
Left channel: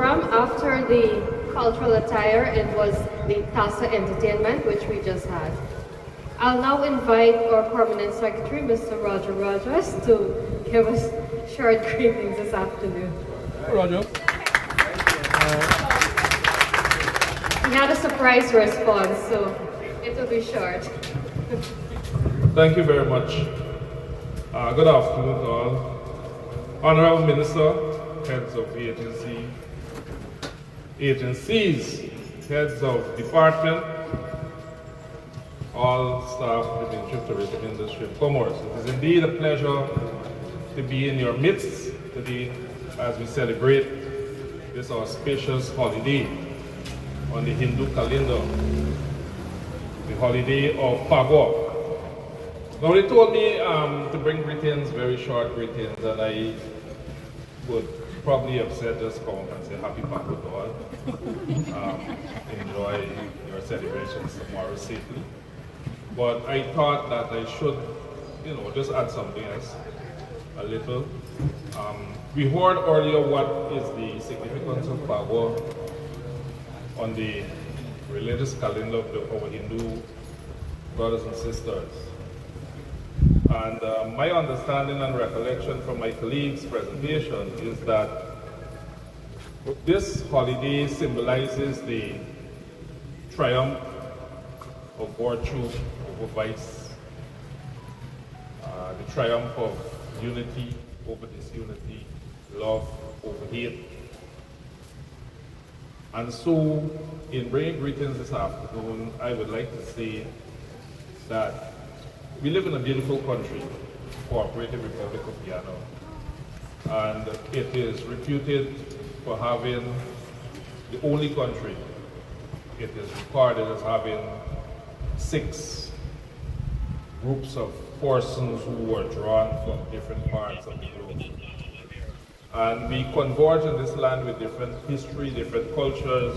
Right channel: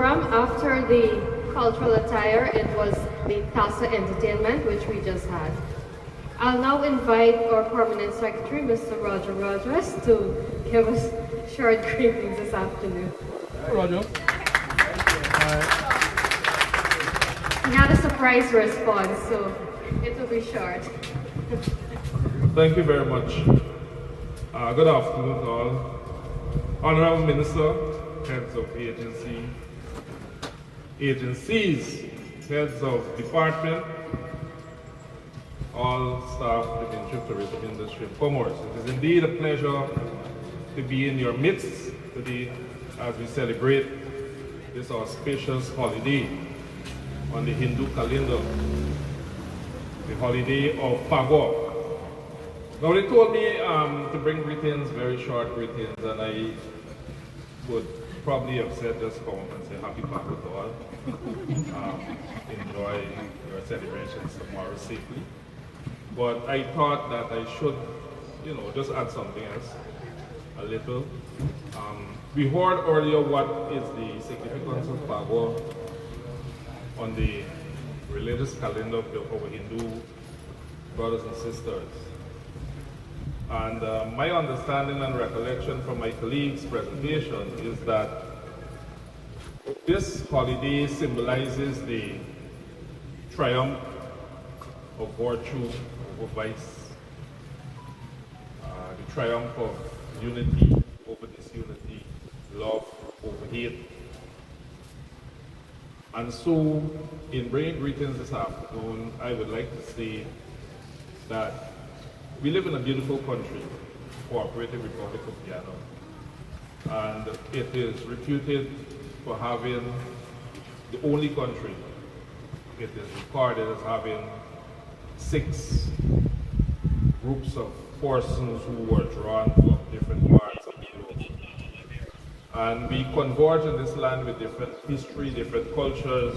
program, after the cultural attire, it was the Tasa entertainment, which we just had. I'll now invite our permanent secretary, Mr. Roger Rogers, to give us short greetings this afternoon. Roger. He had a surprise response, so it will be short. Thank you very much. Good afternoon to all. Honorable Minister, heads of agencies, heads of department, all staff within the tourism industry and commerce. It is indeed a pleasure to be in your midst today as we celebrate this auspicious holiday on the Hindu calendar, the holiday of Phagwah. Now they told me to bring greetings, very short greetings, and I would probably have said just come and say happy Phagwah to all. Enjoy your celebrations tomorrow safely. But I thought that I should, just add something else, a little. We heard earlier what is the significance of Phagwah on the religious calendar of our Hindu brothers and sisters. And my understanding and recollection from my colleagues' presentation is that this holiday symbolizes the triumph of virtue over vice, the triumph of unity over disunity, love over hate. And so, in bringing greetings this afternoon, I would like to say that we live in a beautiful country, Cooperative Republic of Guyana, and it is reputed for having the only country it is recorded as having 6 groups of persons who were drawn from different parts of the globe. And we converge in this land with different history, different cultures,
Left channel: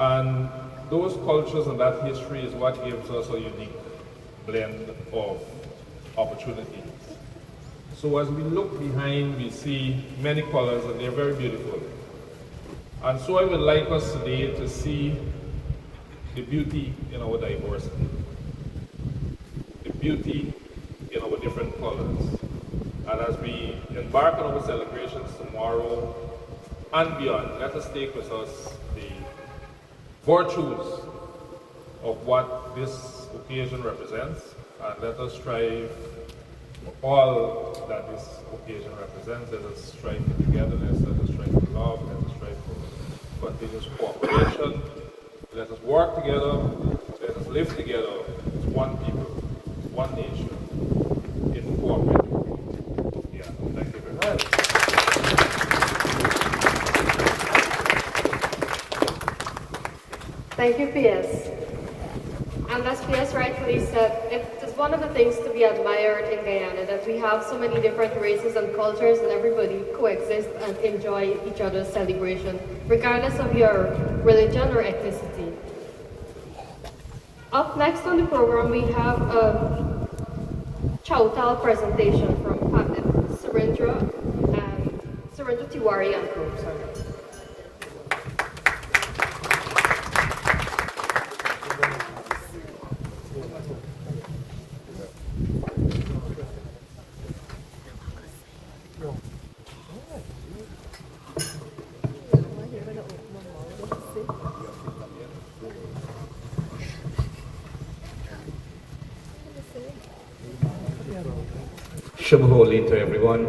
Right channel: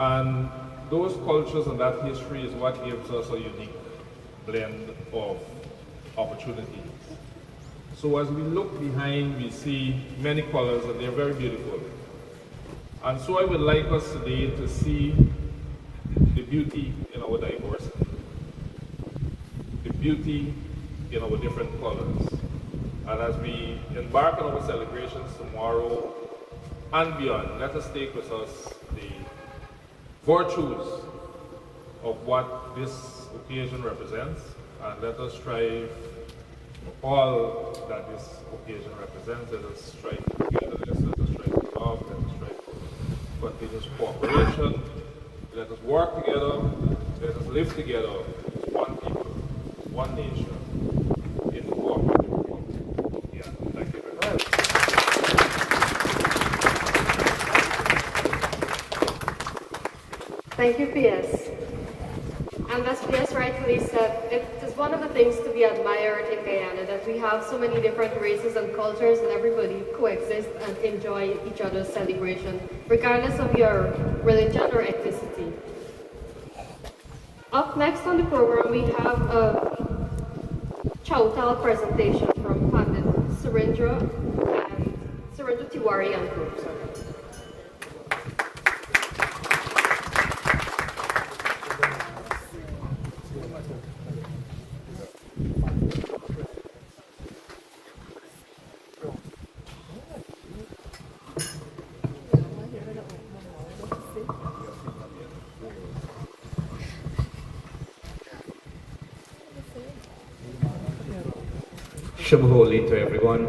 and those cultures and that history is what gives us a unique blend of opportunities. So as we look behind, we see many colors and they're very beautiful. And so I would like us today to see the beauty in our diversity, the beauty in our different colors. And as we embark on our celebrations tomorrow and beyond, let us take with us the virtues of what this occasion represents, and let us strive for all that this occasion represents. Let us strive for togetherness, let us strive for love, let us strive for continuous cooperation. Let us work together, let us live together as one people, one nation, in the cooperative world. Yeah, thank you very much. Thank you, P.S. And as P.S. rightfully said, it is one of the things to be admired in Guyana, that we have so many different races and cultures and everybody coexist and enjoy each other's celebration, regardless of your religion or ethnicity. Up next on the program, we have a Chautal presentation from Pandit Surendra Tiwari and Group. Holi to everyone.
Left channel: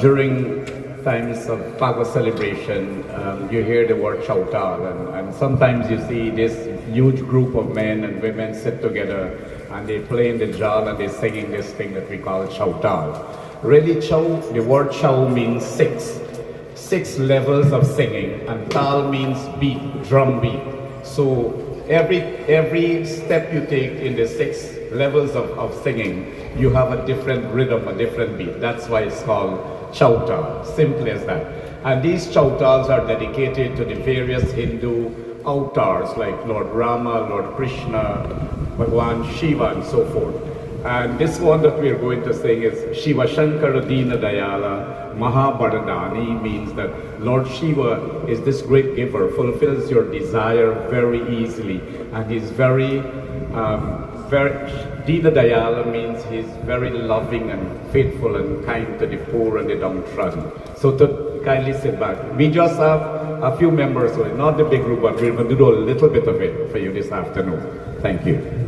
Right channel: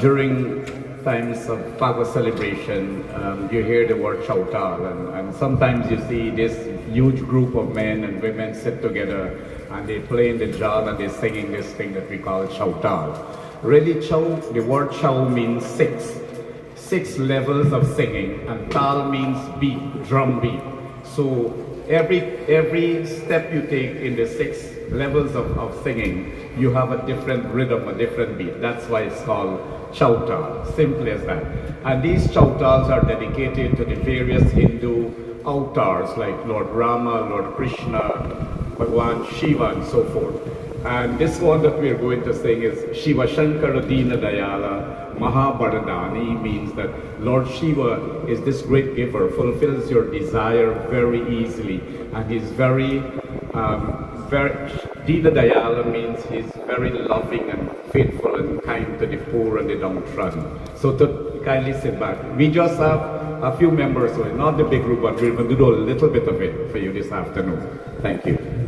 During times of Phagwah celebration, you hear the word Chautal, and sometimes you see this huge group of men and women sit together and they play in the jal and they're singing this thing that we call Chautal. Really, the word Chau means 6 levels of singing, and Tal means beat, drum beat. So every step you take in the 6 levels of singing, you have a different rhythm, a different beat. That's why it's called Chautal, simple as that. And these Chautals are dedicated to the various Hindu avatars like Lord Rama, Lord Krishna, Bhagwan Shiva, and so forth. And this one that we're going to sing is Shiva Shankara Dina Dayala Mahabharadani means that Lord Shiva is this great giver, fulfills your desire very easily, and he's very Dina Dayala means he's very loving and faithful and kind to the poor and the downtrodden. So to kindly sit back. We just have a few members, so not the big group, but we're going to do a little bit of it for you this afternoon. Thank you.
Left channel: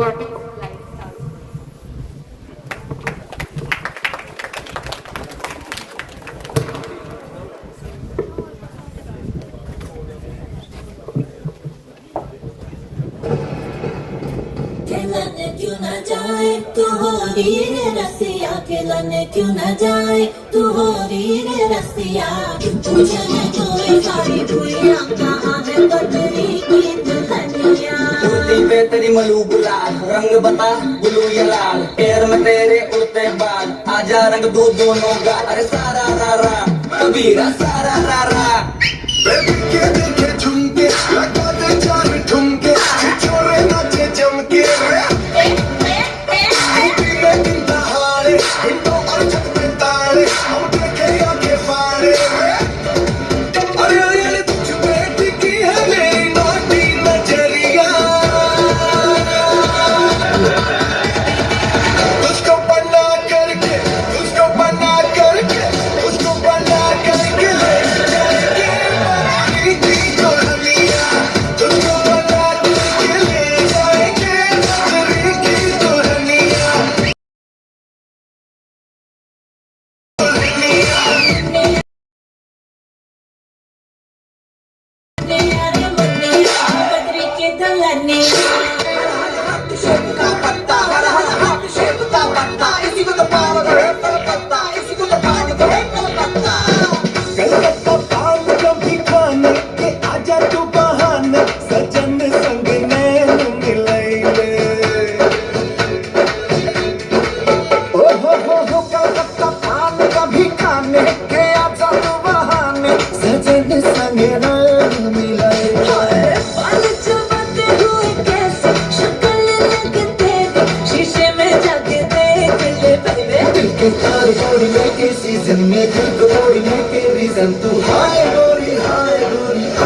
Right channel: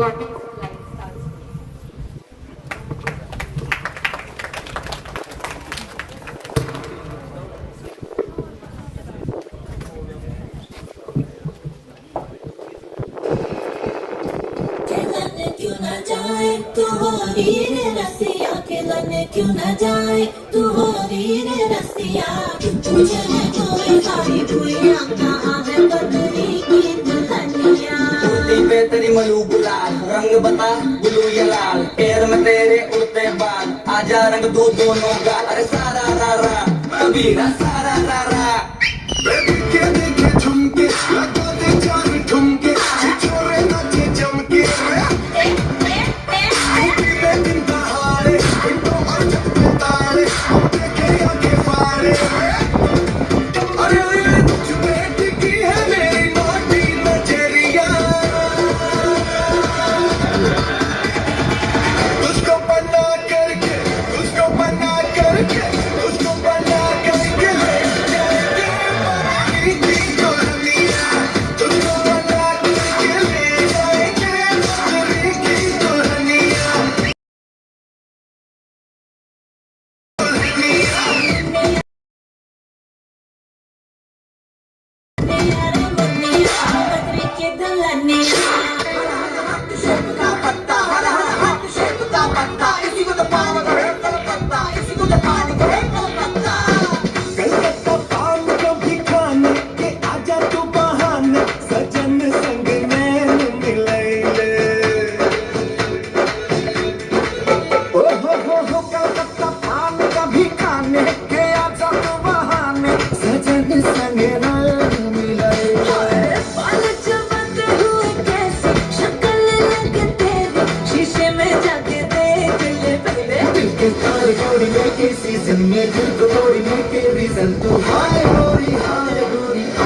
warming lifestyle. खिलने क्यों न जाए तू होली रे रसिया खिलने क्यों न जाए तू होली रे रसिया तुझे मैं जोए सारी दुनिया कहाँ है बदली की दुल्हनिया धरती पे तेरी मलूक लाल रंग बता गुलू या लाल पैर में तेरे उड़ते बाल आजा रंग दो दोनों का अरे सारा रा रा कबीरा सारा रा रा देखे देखे झुमके लगा दे चार ठुमके छोरे नाचे चमके सीजन में गोरी में के रीजन तू हाय गोरी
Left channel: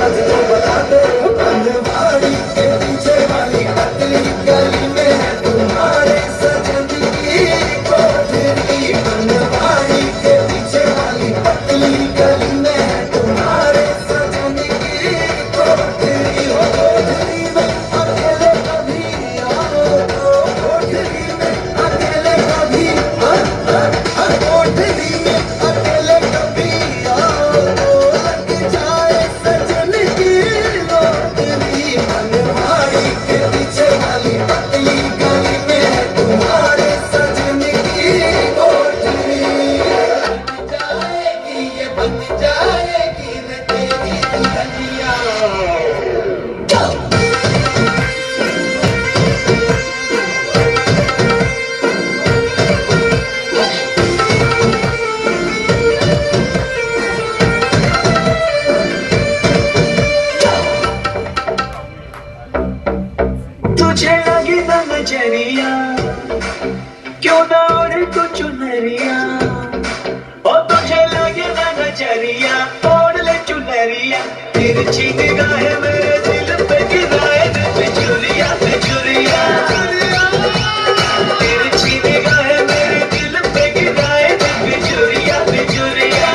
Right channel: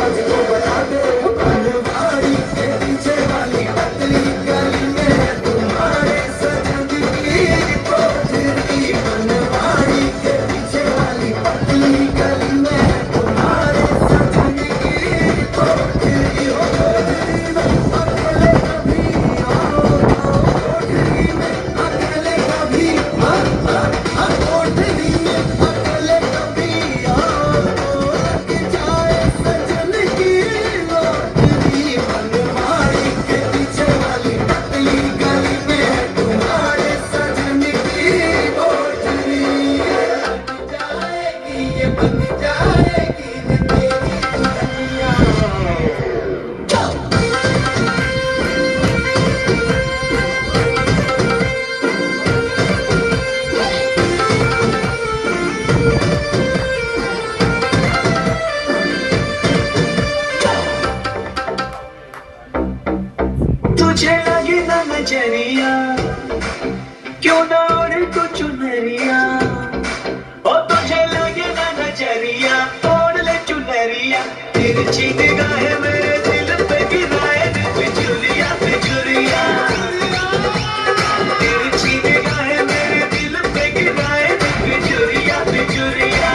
आज तो बता दे बनवाड़ी के पीछे वाली पतली गली में है तुम्हारे सजन की कोठरी बनवाड़ी के पीछे वाली पतली गली में है तुम्हारे सजन की कोठरी हो कोठरी में अकेले कभी आओ कोठरी में अकेले कभी कोठरी में अकेले कभी आओ लग जाए सजन की लोटरी बनवाड़ी के पीछे वाली पतली गली में है तुम्हारे सजन की कोठरी जाएगी ये बन जाएगी न तेरी दुल्हनिया तुझे लगे ना नजरिया क्यों ना ओढ़े तो चुनरिया ओ तुझे लगे ना नजरिया ओढ़ ले चुनरिया तिरछी निगाहें मेरे दिल पे गिराए दे बिजुरिया बिजुरिया तिरछी निगाहें मेरे दिल पे गिराए दे बिजुरिया बिजुरिया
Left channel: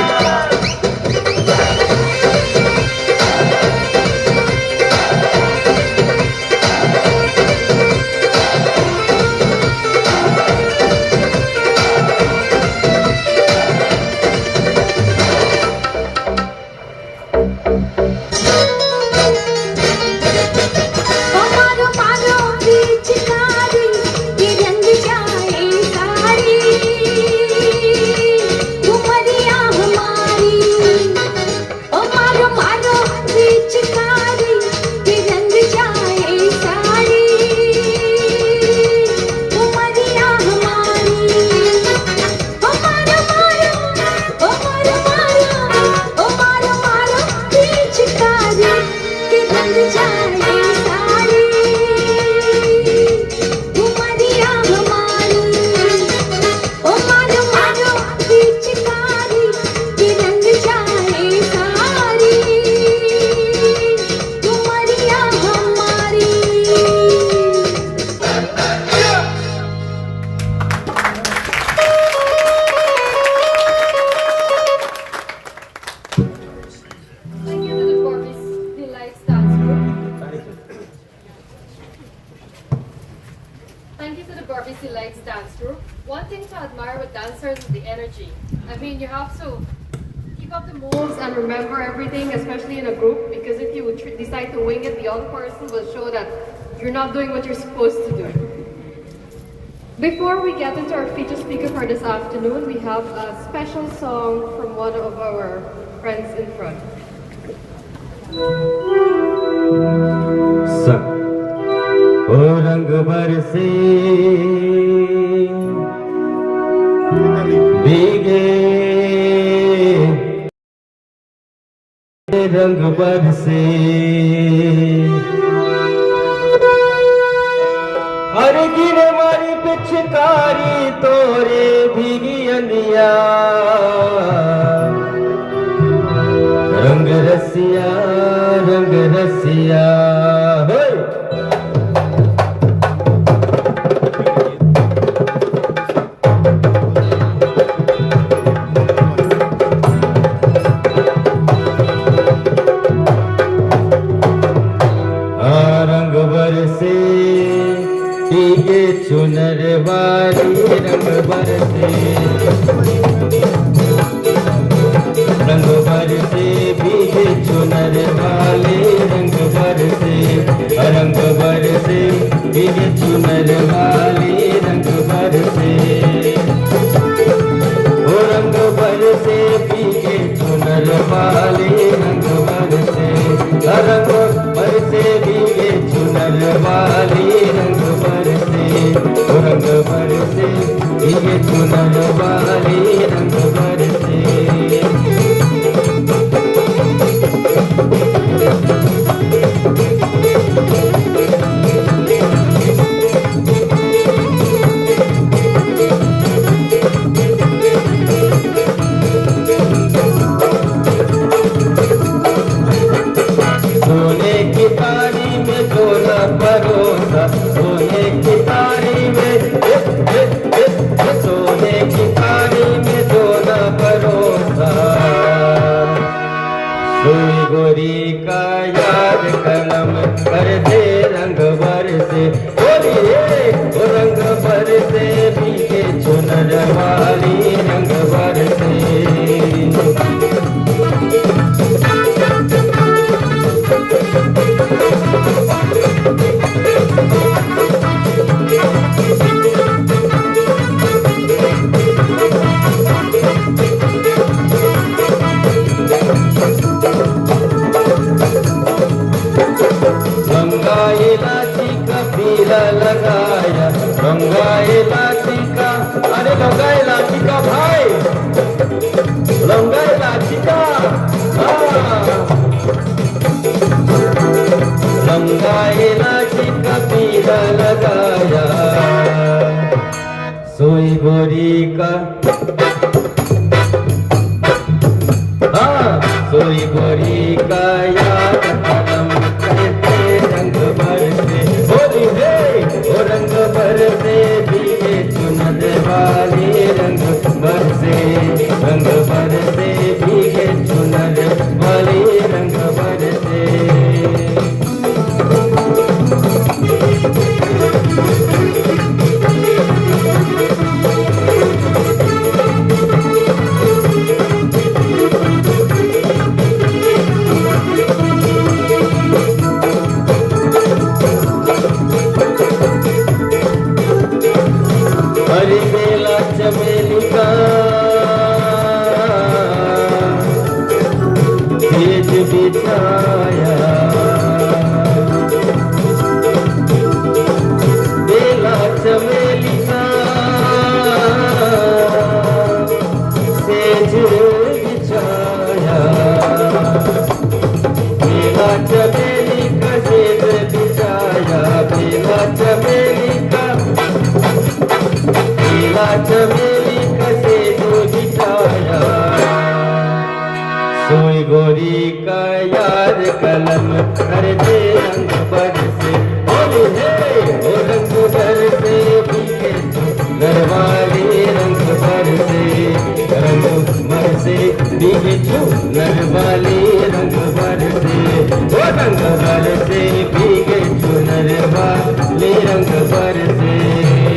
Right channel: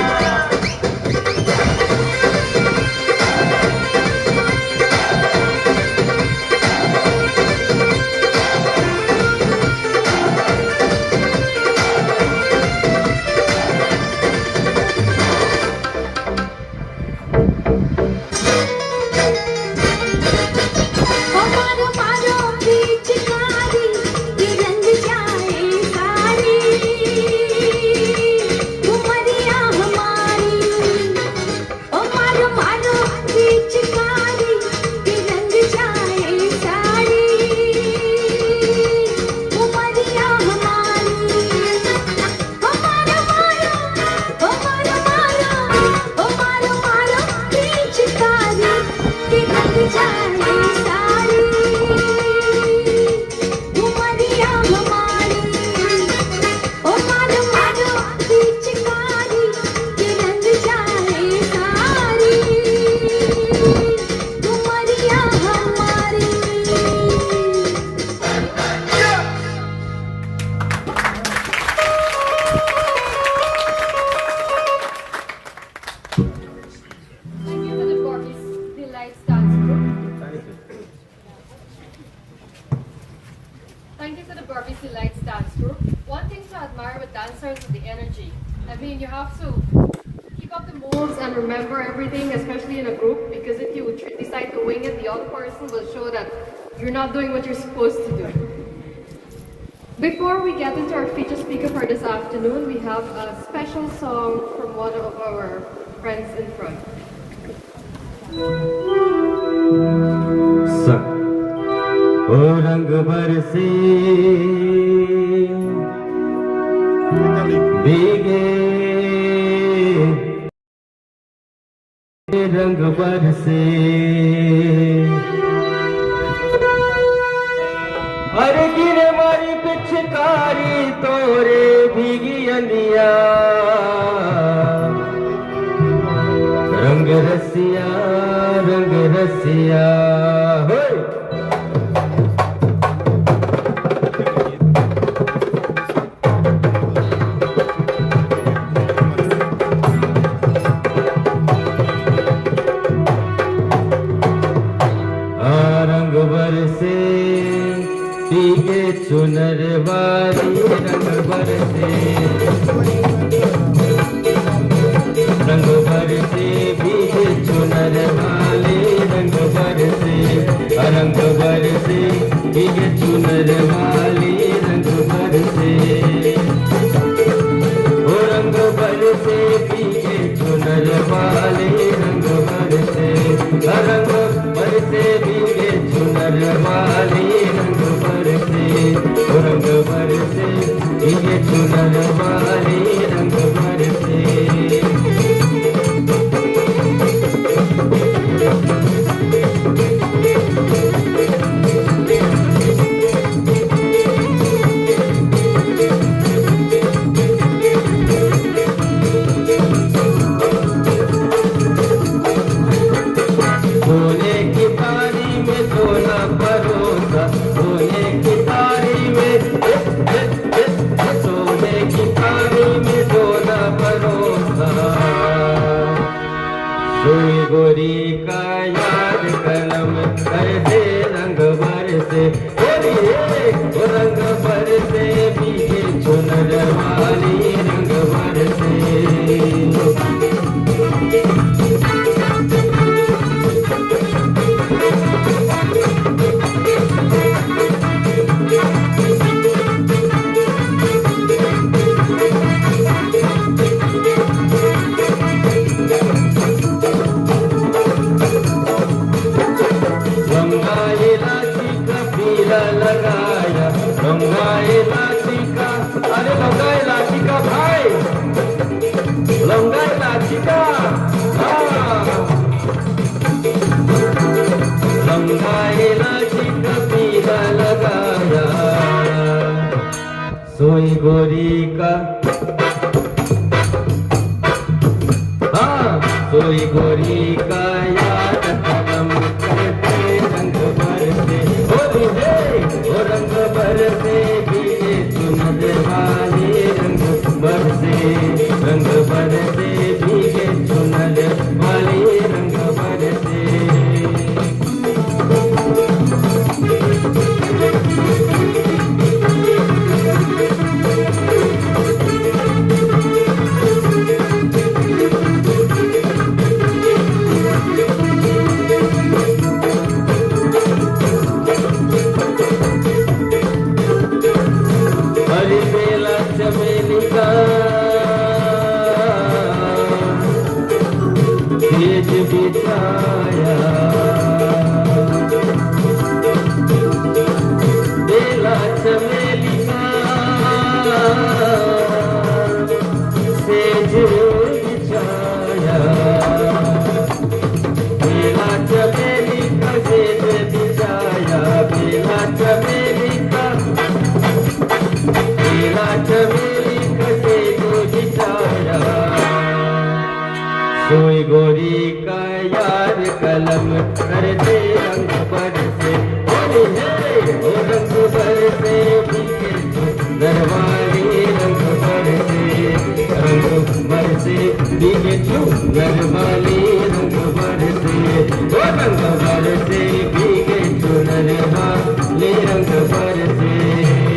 Thank you for the Barbie Lights dance group. One thing to admire with dancers is the energy. I mean, you have to keep up the moves and remember everything, especially in a group, because if you decide to wing it, the other person will show that you're not doing what you're supposed to do. Before we get into our featured speaker for this afternoon, we have a special song from one of our friends in front. रंग बरसे भीगे रंग बरसे हर गिरे मारी पिचकारी तोरे भीगी अनिया रंग रसिया चुनर वाली रंग बरसे भीगे चुनर वाले रंग बरसे भीगे चुनर वाले रंग बरसे रंग बरसे भीगे चुनर वाले रंग बरसे भीगे चुनर वाले रंग बरसे भीगे चुनर वाले रंग बरसे सोने की तारी में सोना परोसा सोने की तारी में सोने की तारी में सोना परोसा सुई गोरी का याद कलम कर दे रंग बरसे रंग बरसे भीगे चुनर वाली रंग बरसे गंगा इलाची का पीला लगाया गंगा इलाची का अरे गंगा इलाची का भाई गंगा इलाची का गंगा इलाची का पीला लगाया सोई गोरी का सोई गोरी का याद कदम करते रंग बरसे रंग बरसे भीगे चुनर वाले रंग बरसे भीगे चुनर वाले रंग बरसे हरी बेला चमेली का भेज बिछाया बेला चमेली का सेज बिछाया बेला चमेली का सेज बिछाया बेला चमेली का चमेली कसे जो बिछाया सोई गोरी का याद कलम कर दे रंग बरसे रंग बरसे भीगे नरवाली रंग बरसे भीगे नरवाली रंग बरसे भीगे नरवाली रंग बरसे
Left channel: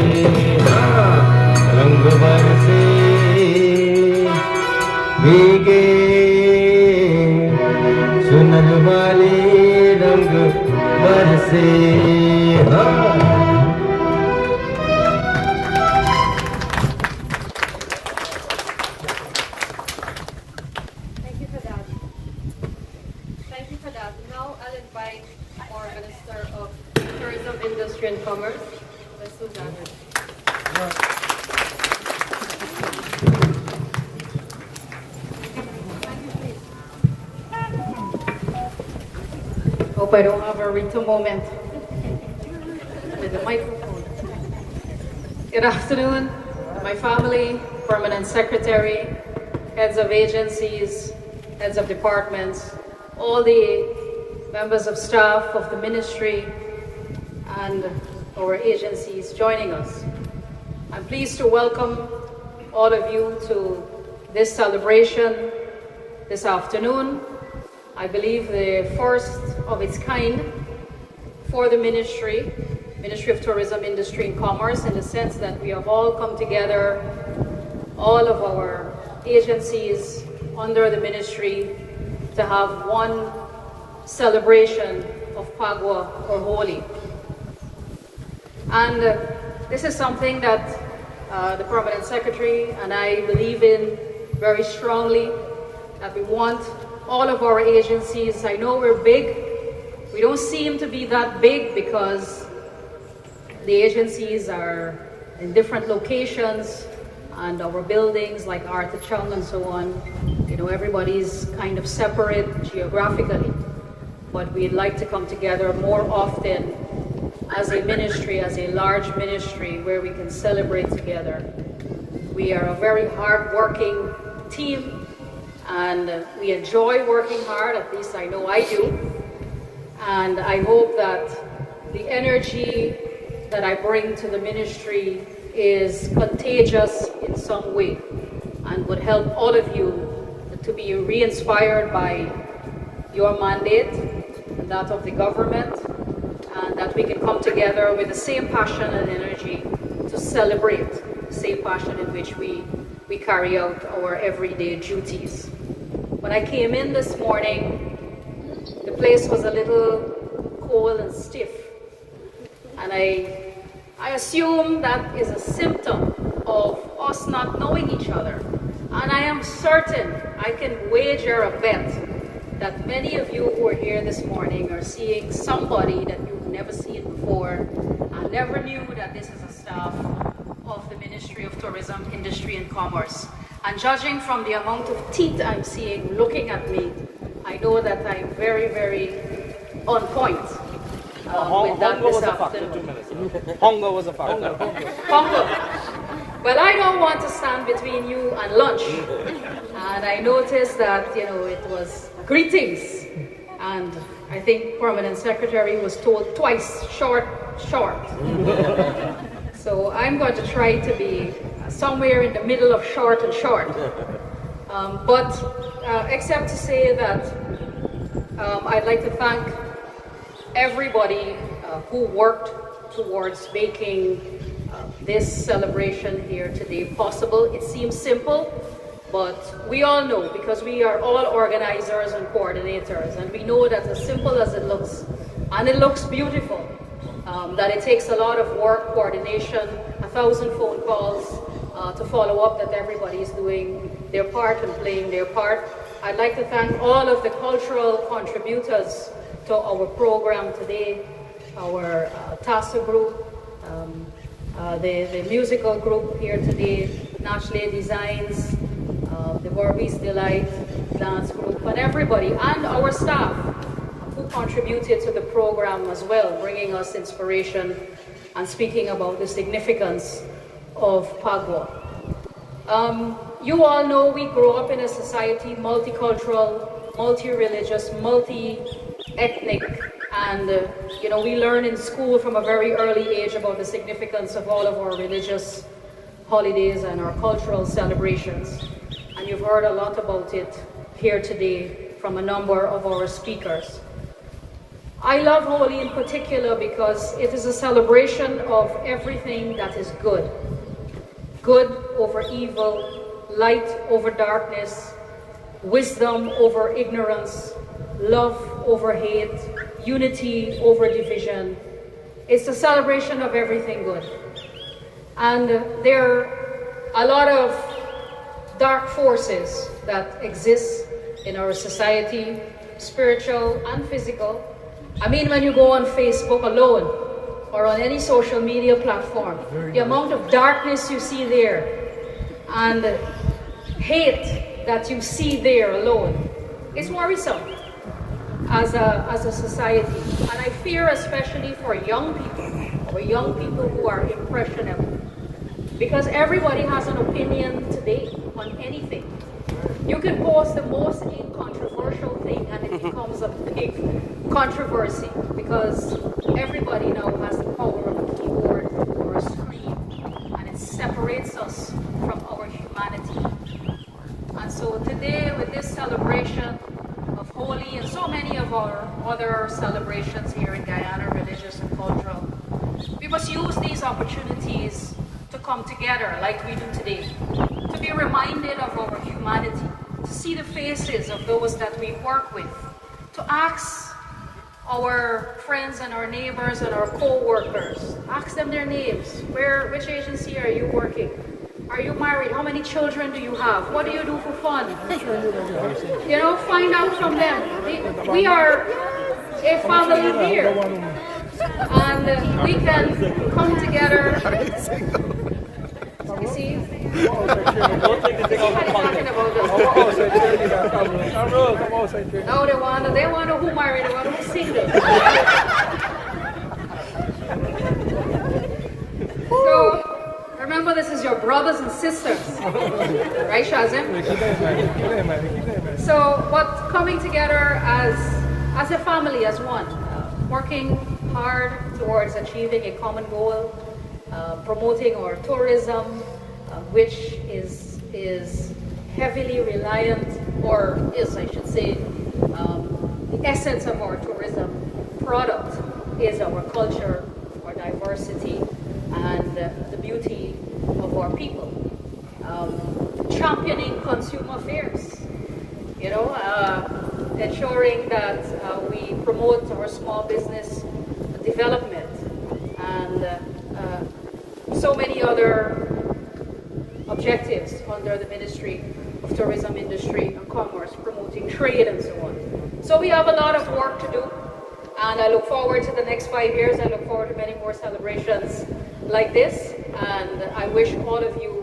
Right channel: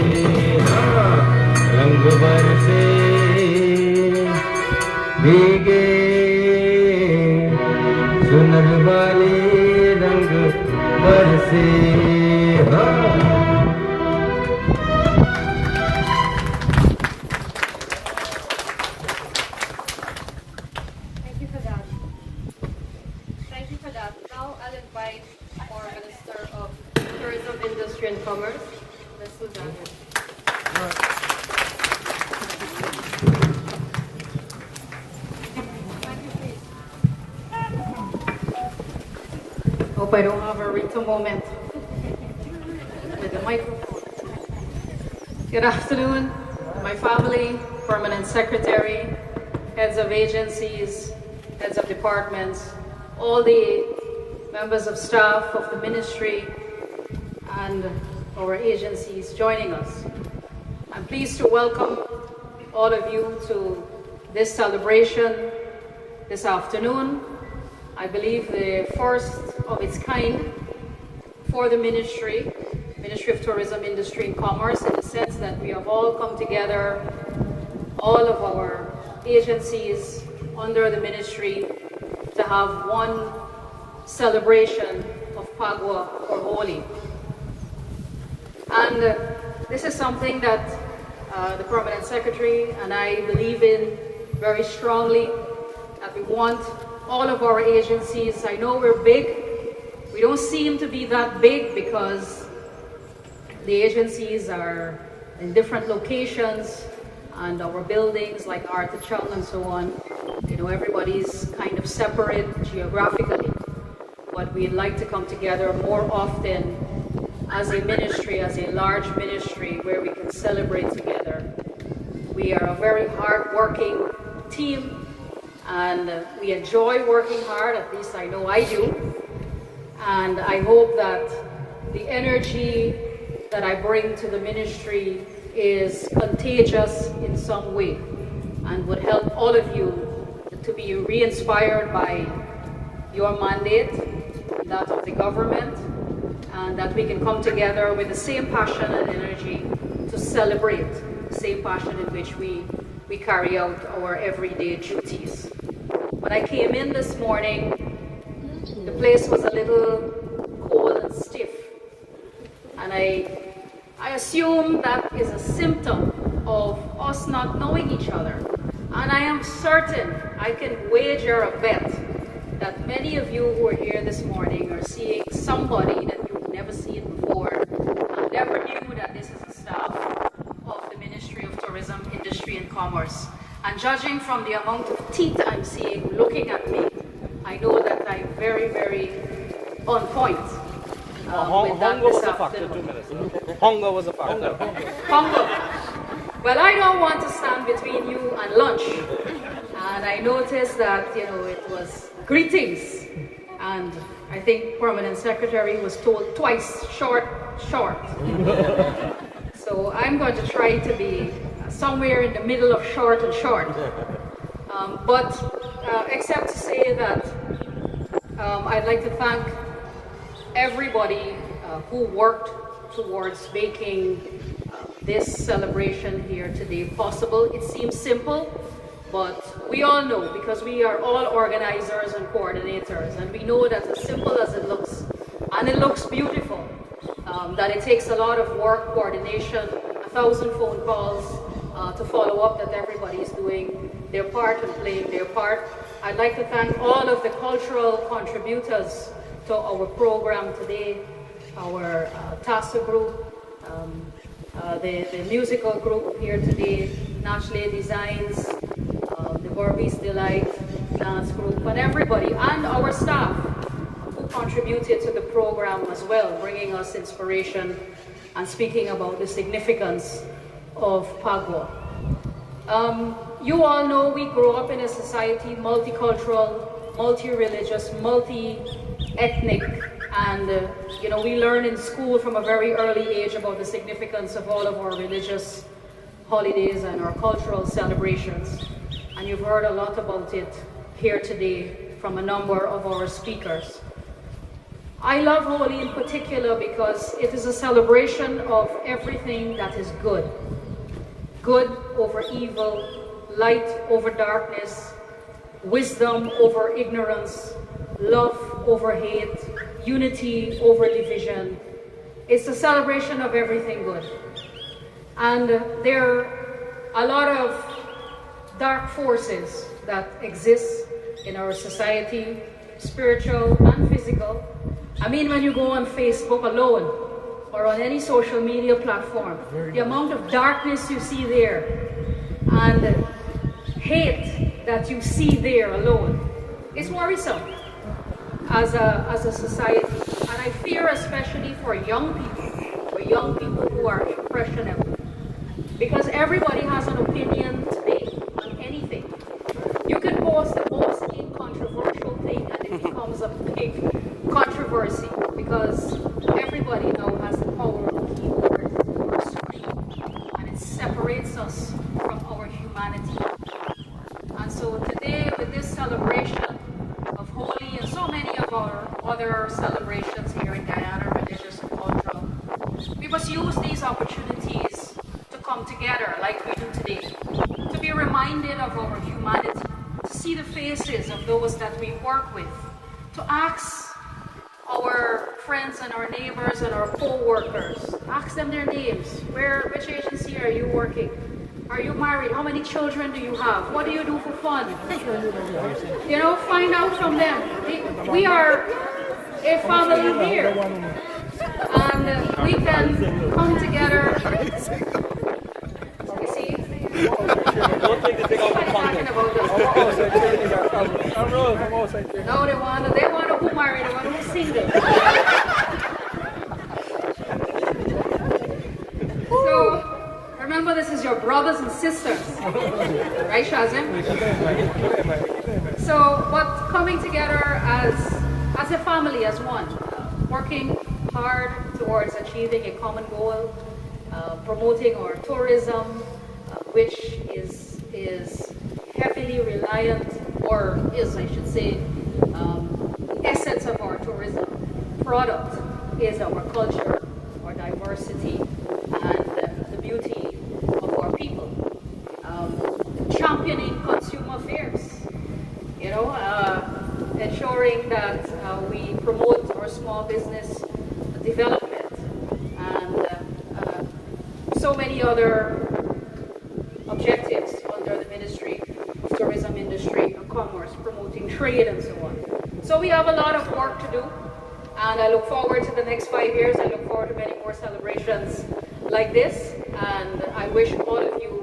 Hope I don't have a written moment with the microphone. Good afternoon, my family, permanent secretary, heads of agencies, heads of departments, all the members of staff of the ministry, and our agencies joining us. I'm pleased to welcome all of you to this celebration this afternoon. I believe the first of its kind for the Ministry of Tourism, Industry and Commerce, in the sense that we have all come together, all of our agencies under the ministry, to have one celebration of Pagwa or Holi. And this is something that the Permanent Secretary and I believe in very strongly, that we want all of our agencies. I know we're big. We don't seem to be that big because the agencies are in different locations and our buildings like Arthur Chung and so on, you know, everybody's kind of separate geographically. But we'd like to come together more often as a ministry, as a large ministry where we can celebrate together. We are a very hard-working team, and we enjoy working hard, at least I know I do. And I hope that the energy that I bring to the ministry is contagious in some way and would help all of you to be re-inspired by your mandate and that of the government, and that we can come together with the same passion and energy to celebrate, the same passion in which we carry out our everyday duties. When I came in this morning, the place was a little cold and stiff, and I assume that is a symptom of us not knowing each other. And I am certain, I can wager a bet, that many of you who are here this morning are seeing somebody that you've never seen before and never knew that this is a staff of the Ministry of Tourism, Industry and Commerce. And judging from the amount of teeth I'm seeing looking at me, I know that I'm very, very on point. Hunger was a factor 2 minutes ago. Hunger was a factor. Hunger. But I don't want to stand between you and lunch. And I noticed that, you know, it was greetings. And I think Permanent Secretary was told twice, short. So I'm going to try to be somewhere in the middle of short and short. Except to say that I'd like to thank everybody who worked towards making this celebration here today possible. It seems simple, but we all know, because we are all organizers and coordinators, and we know that as simple as it looks, and it looks beautiful, that it takes a lot of work, coordination, 1,000 phone calls to follow up that everybody is doing their part and playing their part. I'd like to thank all of the cultural contributors to our program today, our TASA group, the musical group here today, Nachle Designs, the Barbies Delight dance group, and everybody, and our staff who contributed to the program as well, bringing us inspiration and speaking about the significance of Pagwa. You all know we grow up in a society, multicultural, multi-religious, multi-ethnic, and you know, we learn in school from a very early age about the significance of all of our religious holidays and our cultural celebrations. And you've heard a lot about it here today from a number of our speakers. I love Holi in particular because it is a celebration of everything that is good. Good over evil, light over darkness, wisdom over ignorance, love over hate, unity over division. It's a celebration of everything good. And there are a lot of dark forces that exist in our society, spiritual and physical. I mean, when you go on Facebook alone, or on any social media platform, the amount of darkness you see there and hate that you see there alone is worrisome as a society. And I fear especially for young people who are impressionable. Because everybody has an opinion today on anything. You can post the most incontroversial thing and it becomes a big controversy because everybody now has the power of the keyboard or screen, and it separates us from our humanity. And so today, with this celebration of Holi and so many of our other celebrations here in Guyana, religious and cultural, we must use these opportunities to come together like we do today, to be reminded of our humanity, to see the faces of those that we work with, to ask our friends and our neighbors and our co-workers, ask them their names. Which agency are you working? Are you married? How many children do you have? What do you do for fun? You know, find out from them. We are a family here, and we can come together. You see? No, they want who married, they want who's single. So, remember, this is your brothers and sisters. Right, Shazim? So, but coming together as a family, as one, working hard towards achieving a common goal, promoting our tourism, which is heavily reliant, or is, I should say, the essence of our tourism product is our culture, our diversity, and the beauty of our people. Championing consumer affairs, you know, ensuring that we promote our small business development, and so many other objectives under the Ministry of Tourism, Industry and Commerce, promoting trade and so on. So we have a lot of work to do, and I look forward to the next 5 years. I look forward to many more celebrations like this, and I wish all of you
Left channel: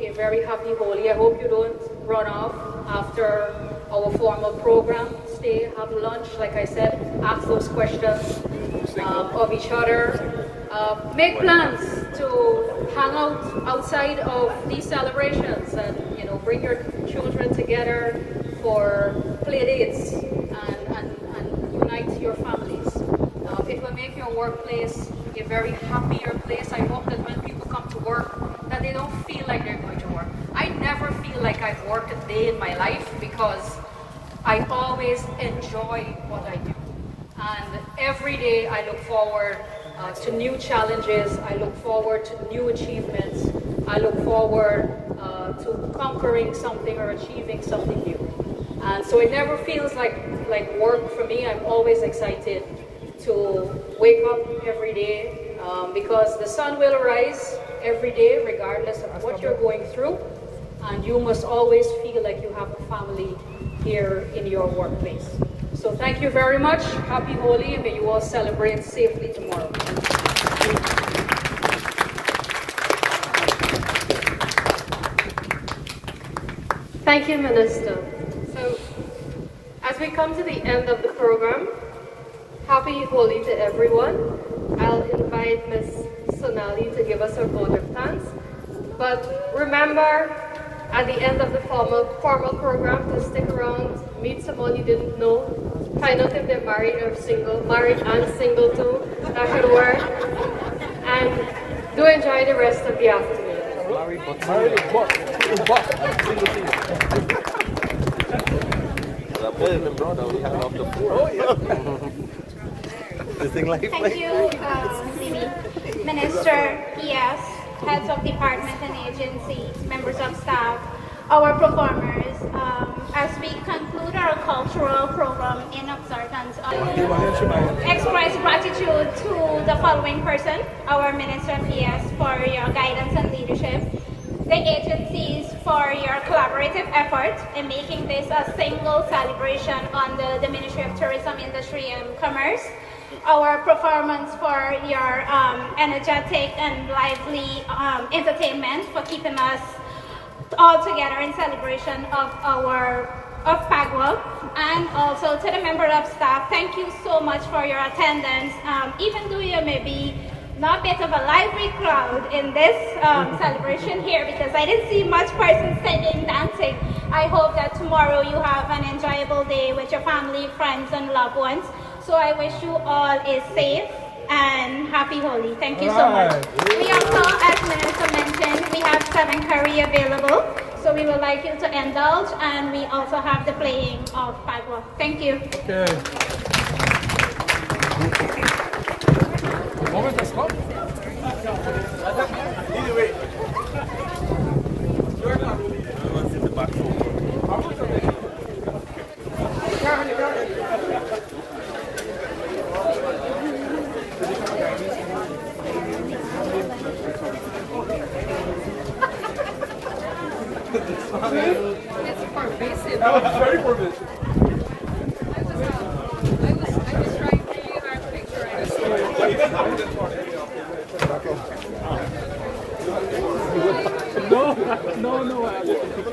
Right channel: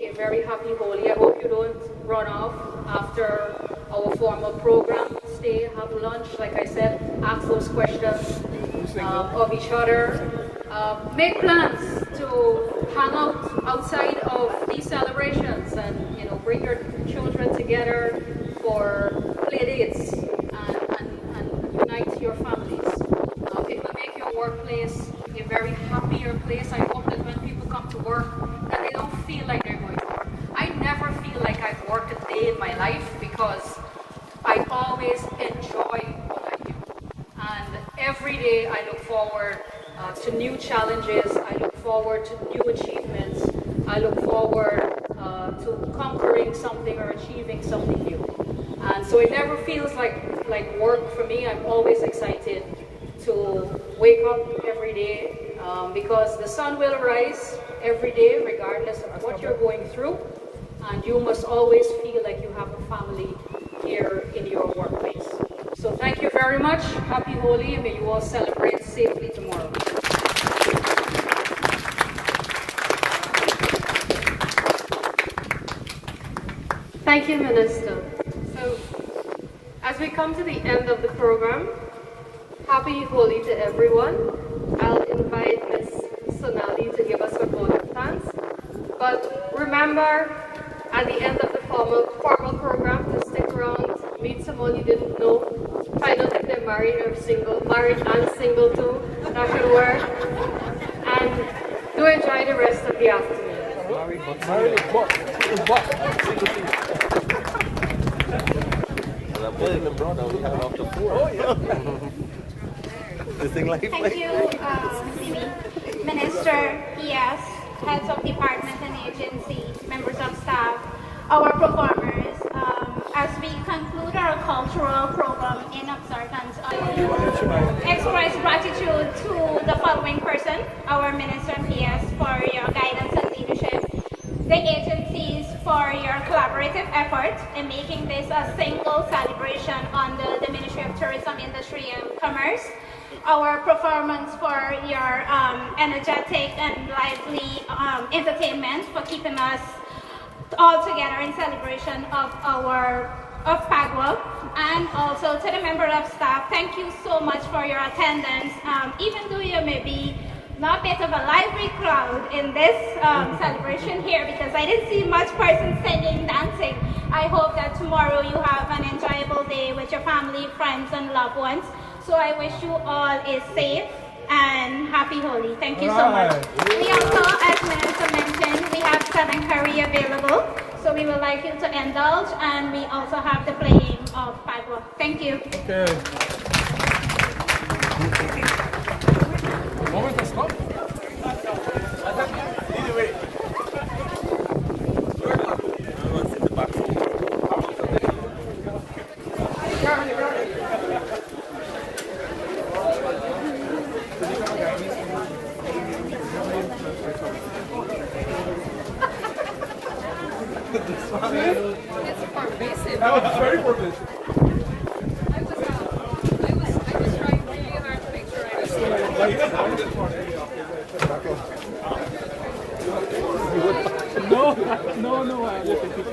a very happy Holi. I hope you don't run off after our formal program. Stay, have lunch, like I said, ask those questions of each other. Make plans to hang out outside of these celebrations, and you know, bring your children together for play dates and unite your families. It will make your workplace a very happier place. I hope that when people come to work, that they don't feel like they're going to work. I never feel like I've worked a day in my life because I always enjoy what I do. And every day I look forward to new challenges. I look forward to new achievements. I look forward to conquering something or achieving something new. And so it never feels like work for me. I'm always excited to wake up every day because the sun will rise every day regardless of what you're going through. And you must always feel like you have a family here in your workplace. So thank you very much. Happy Holi, and may you all celebrate safely tomorrow. Thank you, Minister. So, as we come to the end of the program, happy Holi to everyone. I'll invite Ms. Sonali to give us her vote of thanks. But remember, at the end of the formal program, to stick around, meet someone you didn't know, find out if they're married or single, married and single too, everywhere, and do enjoy the rest of the afternoon. Married but single. Brother, we have up to 4. The thing like Thank you, Minister, yes, heads of department and agencies, members of staff, our performers, as we conclude our cultural program in observance of express gratitude to the following person, our Minister and PS, for your guidance and leadership, the agencies for your collaborative effort in making this a single celebration under the Ministry of Tourism, Industry and Commerce, our performance, for your energetic and lively entertainment, for keeping us all together in celebration of Pagua, and also to the member of staff, thank you so much for your attendance. Even though you may be not a bit of a lively crowd in this celebration here, because I didn't see much person singing, dancing. I hope that tomorrow you have an enjoyable day with your family, friends, and loved ones. So I wish you all a safe and happy Holi. Thank you so much. We also, as Minister mentioned, we have 7 curry available. So we would like you to indulge, and we also have the playing of Pagua. Thank you. Okay. Moment of stop. That was very pervasive. I was trying to give you a picture. No, I didn't pick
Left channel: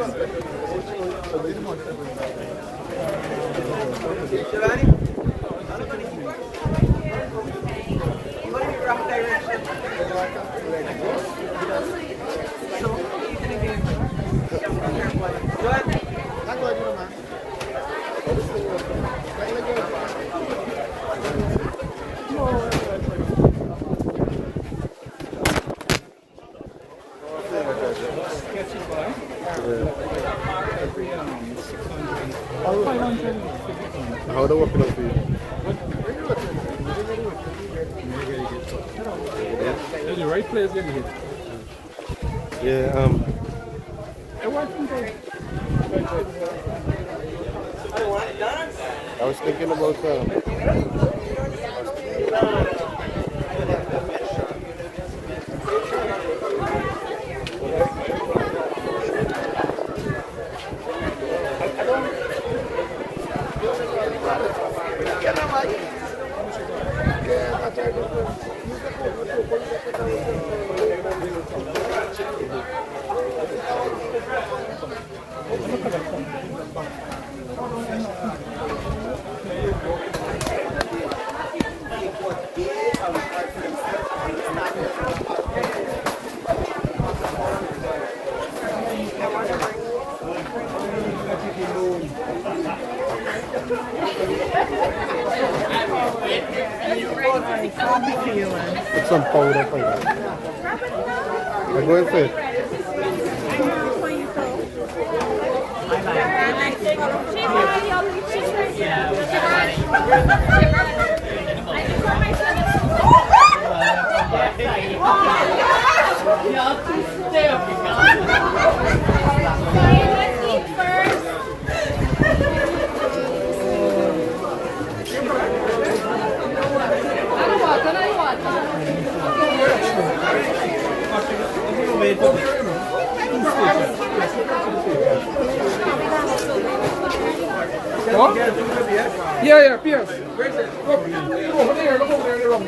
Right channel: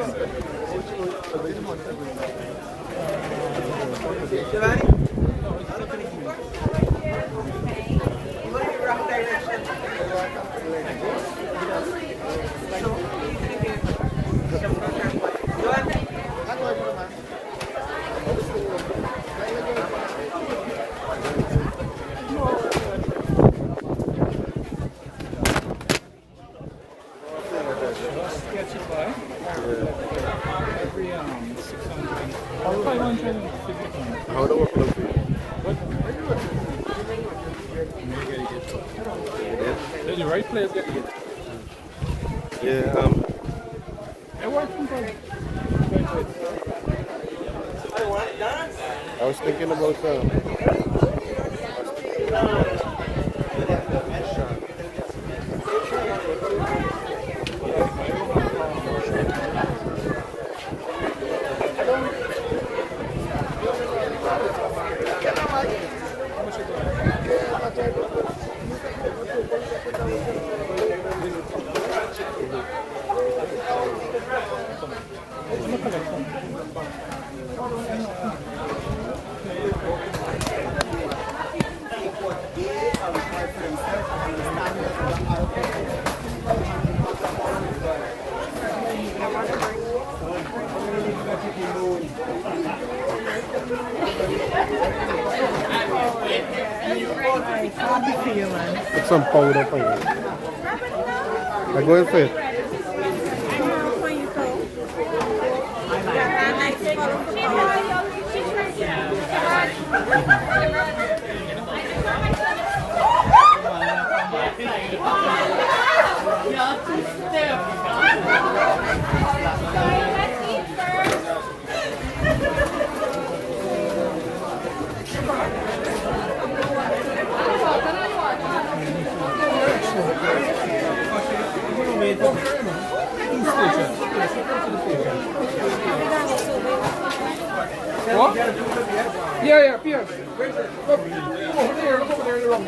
How do I work it out for you? The right place, get it. Yeah, I was thinking about put some powder for you. I'm going for it. What? Yeah, Pierce. Over there, look over there in the room.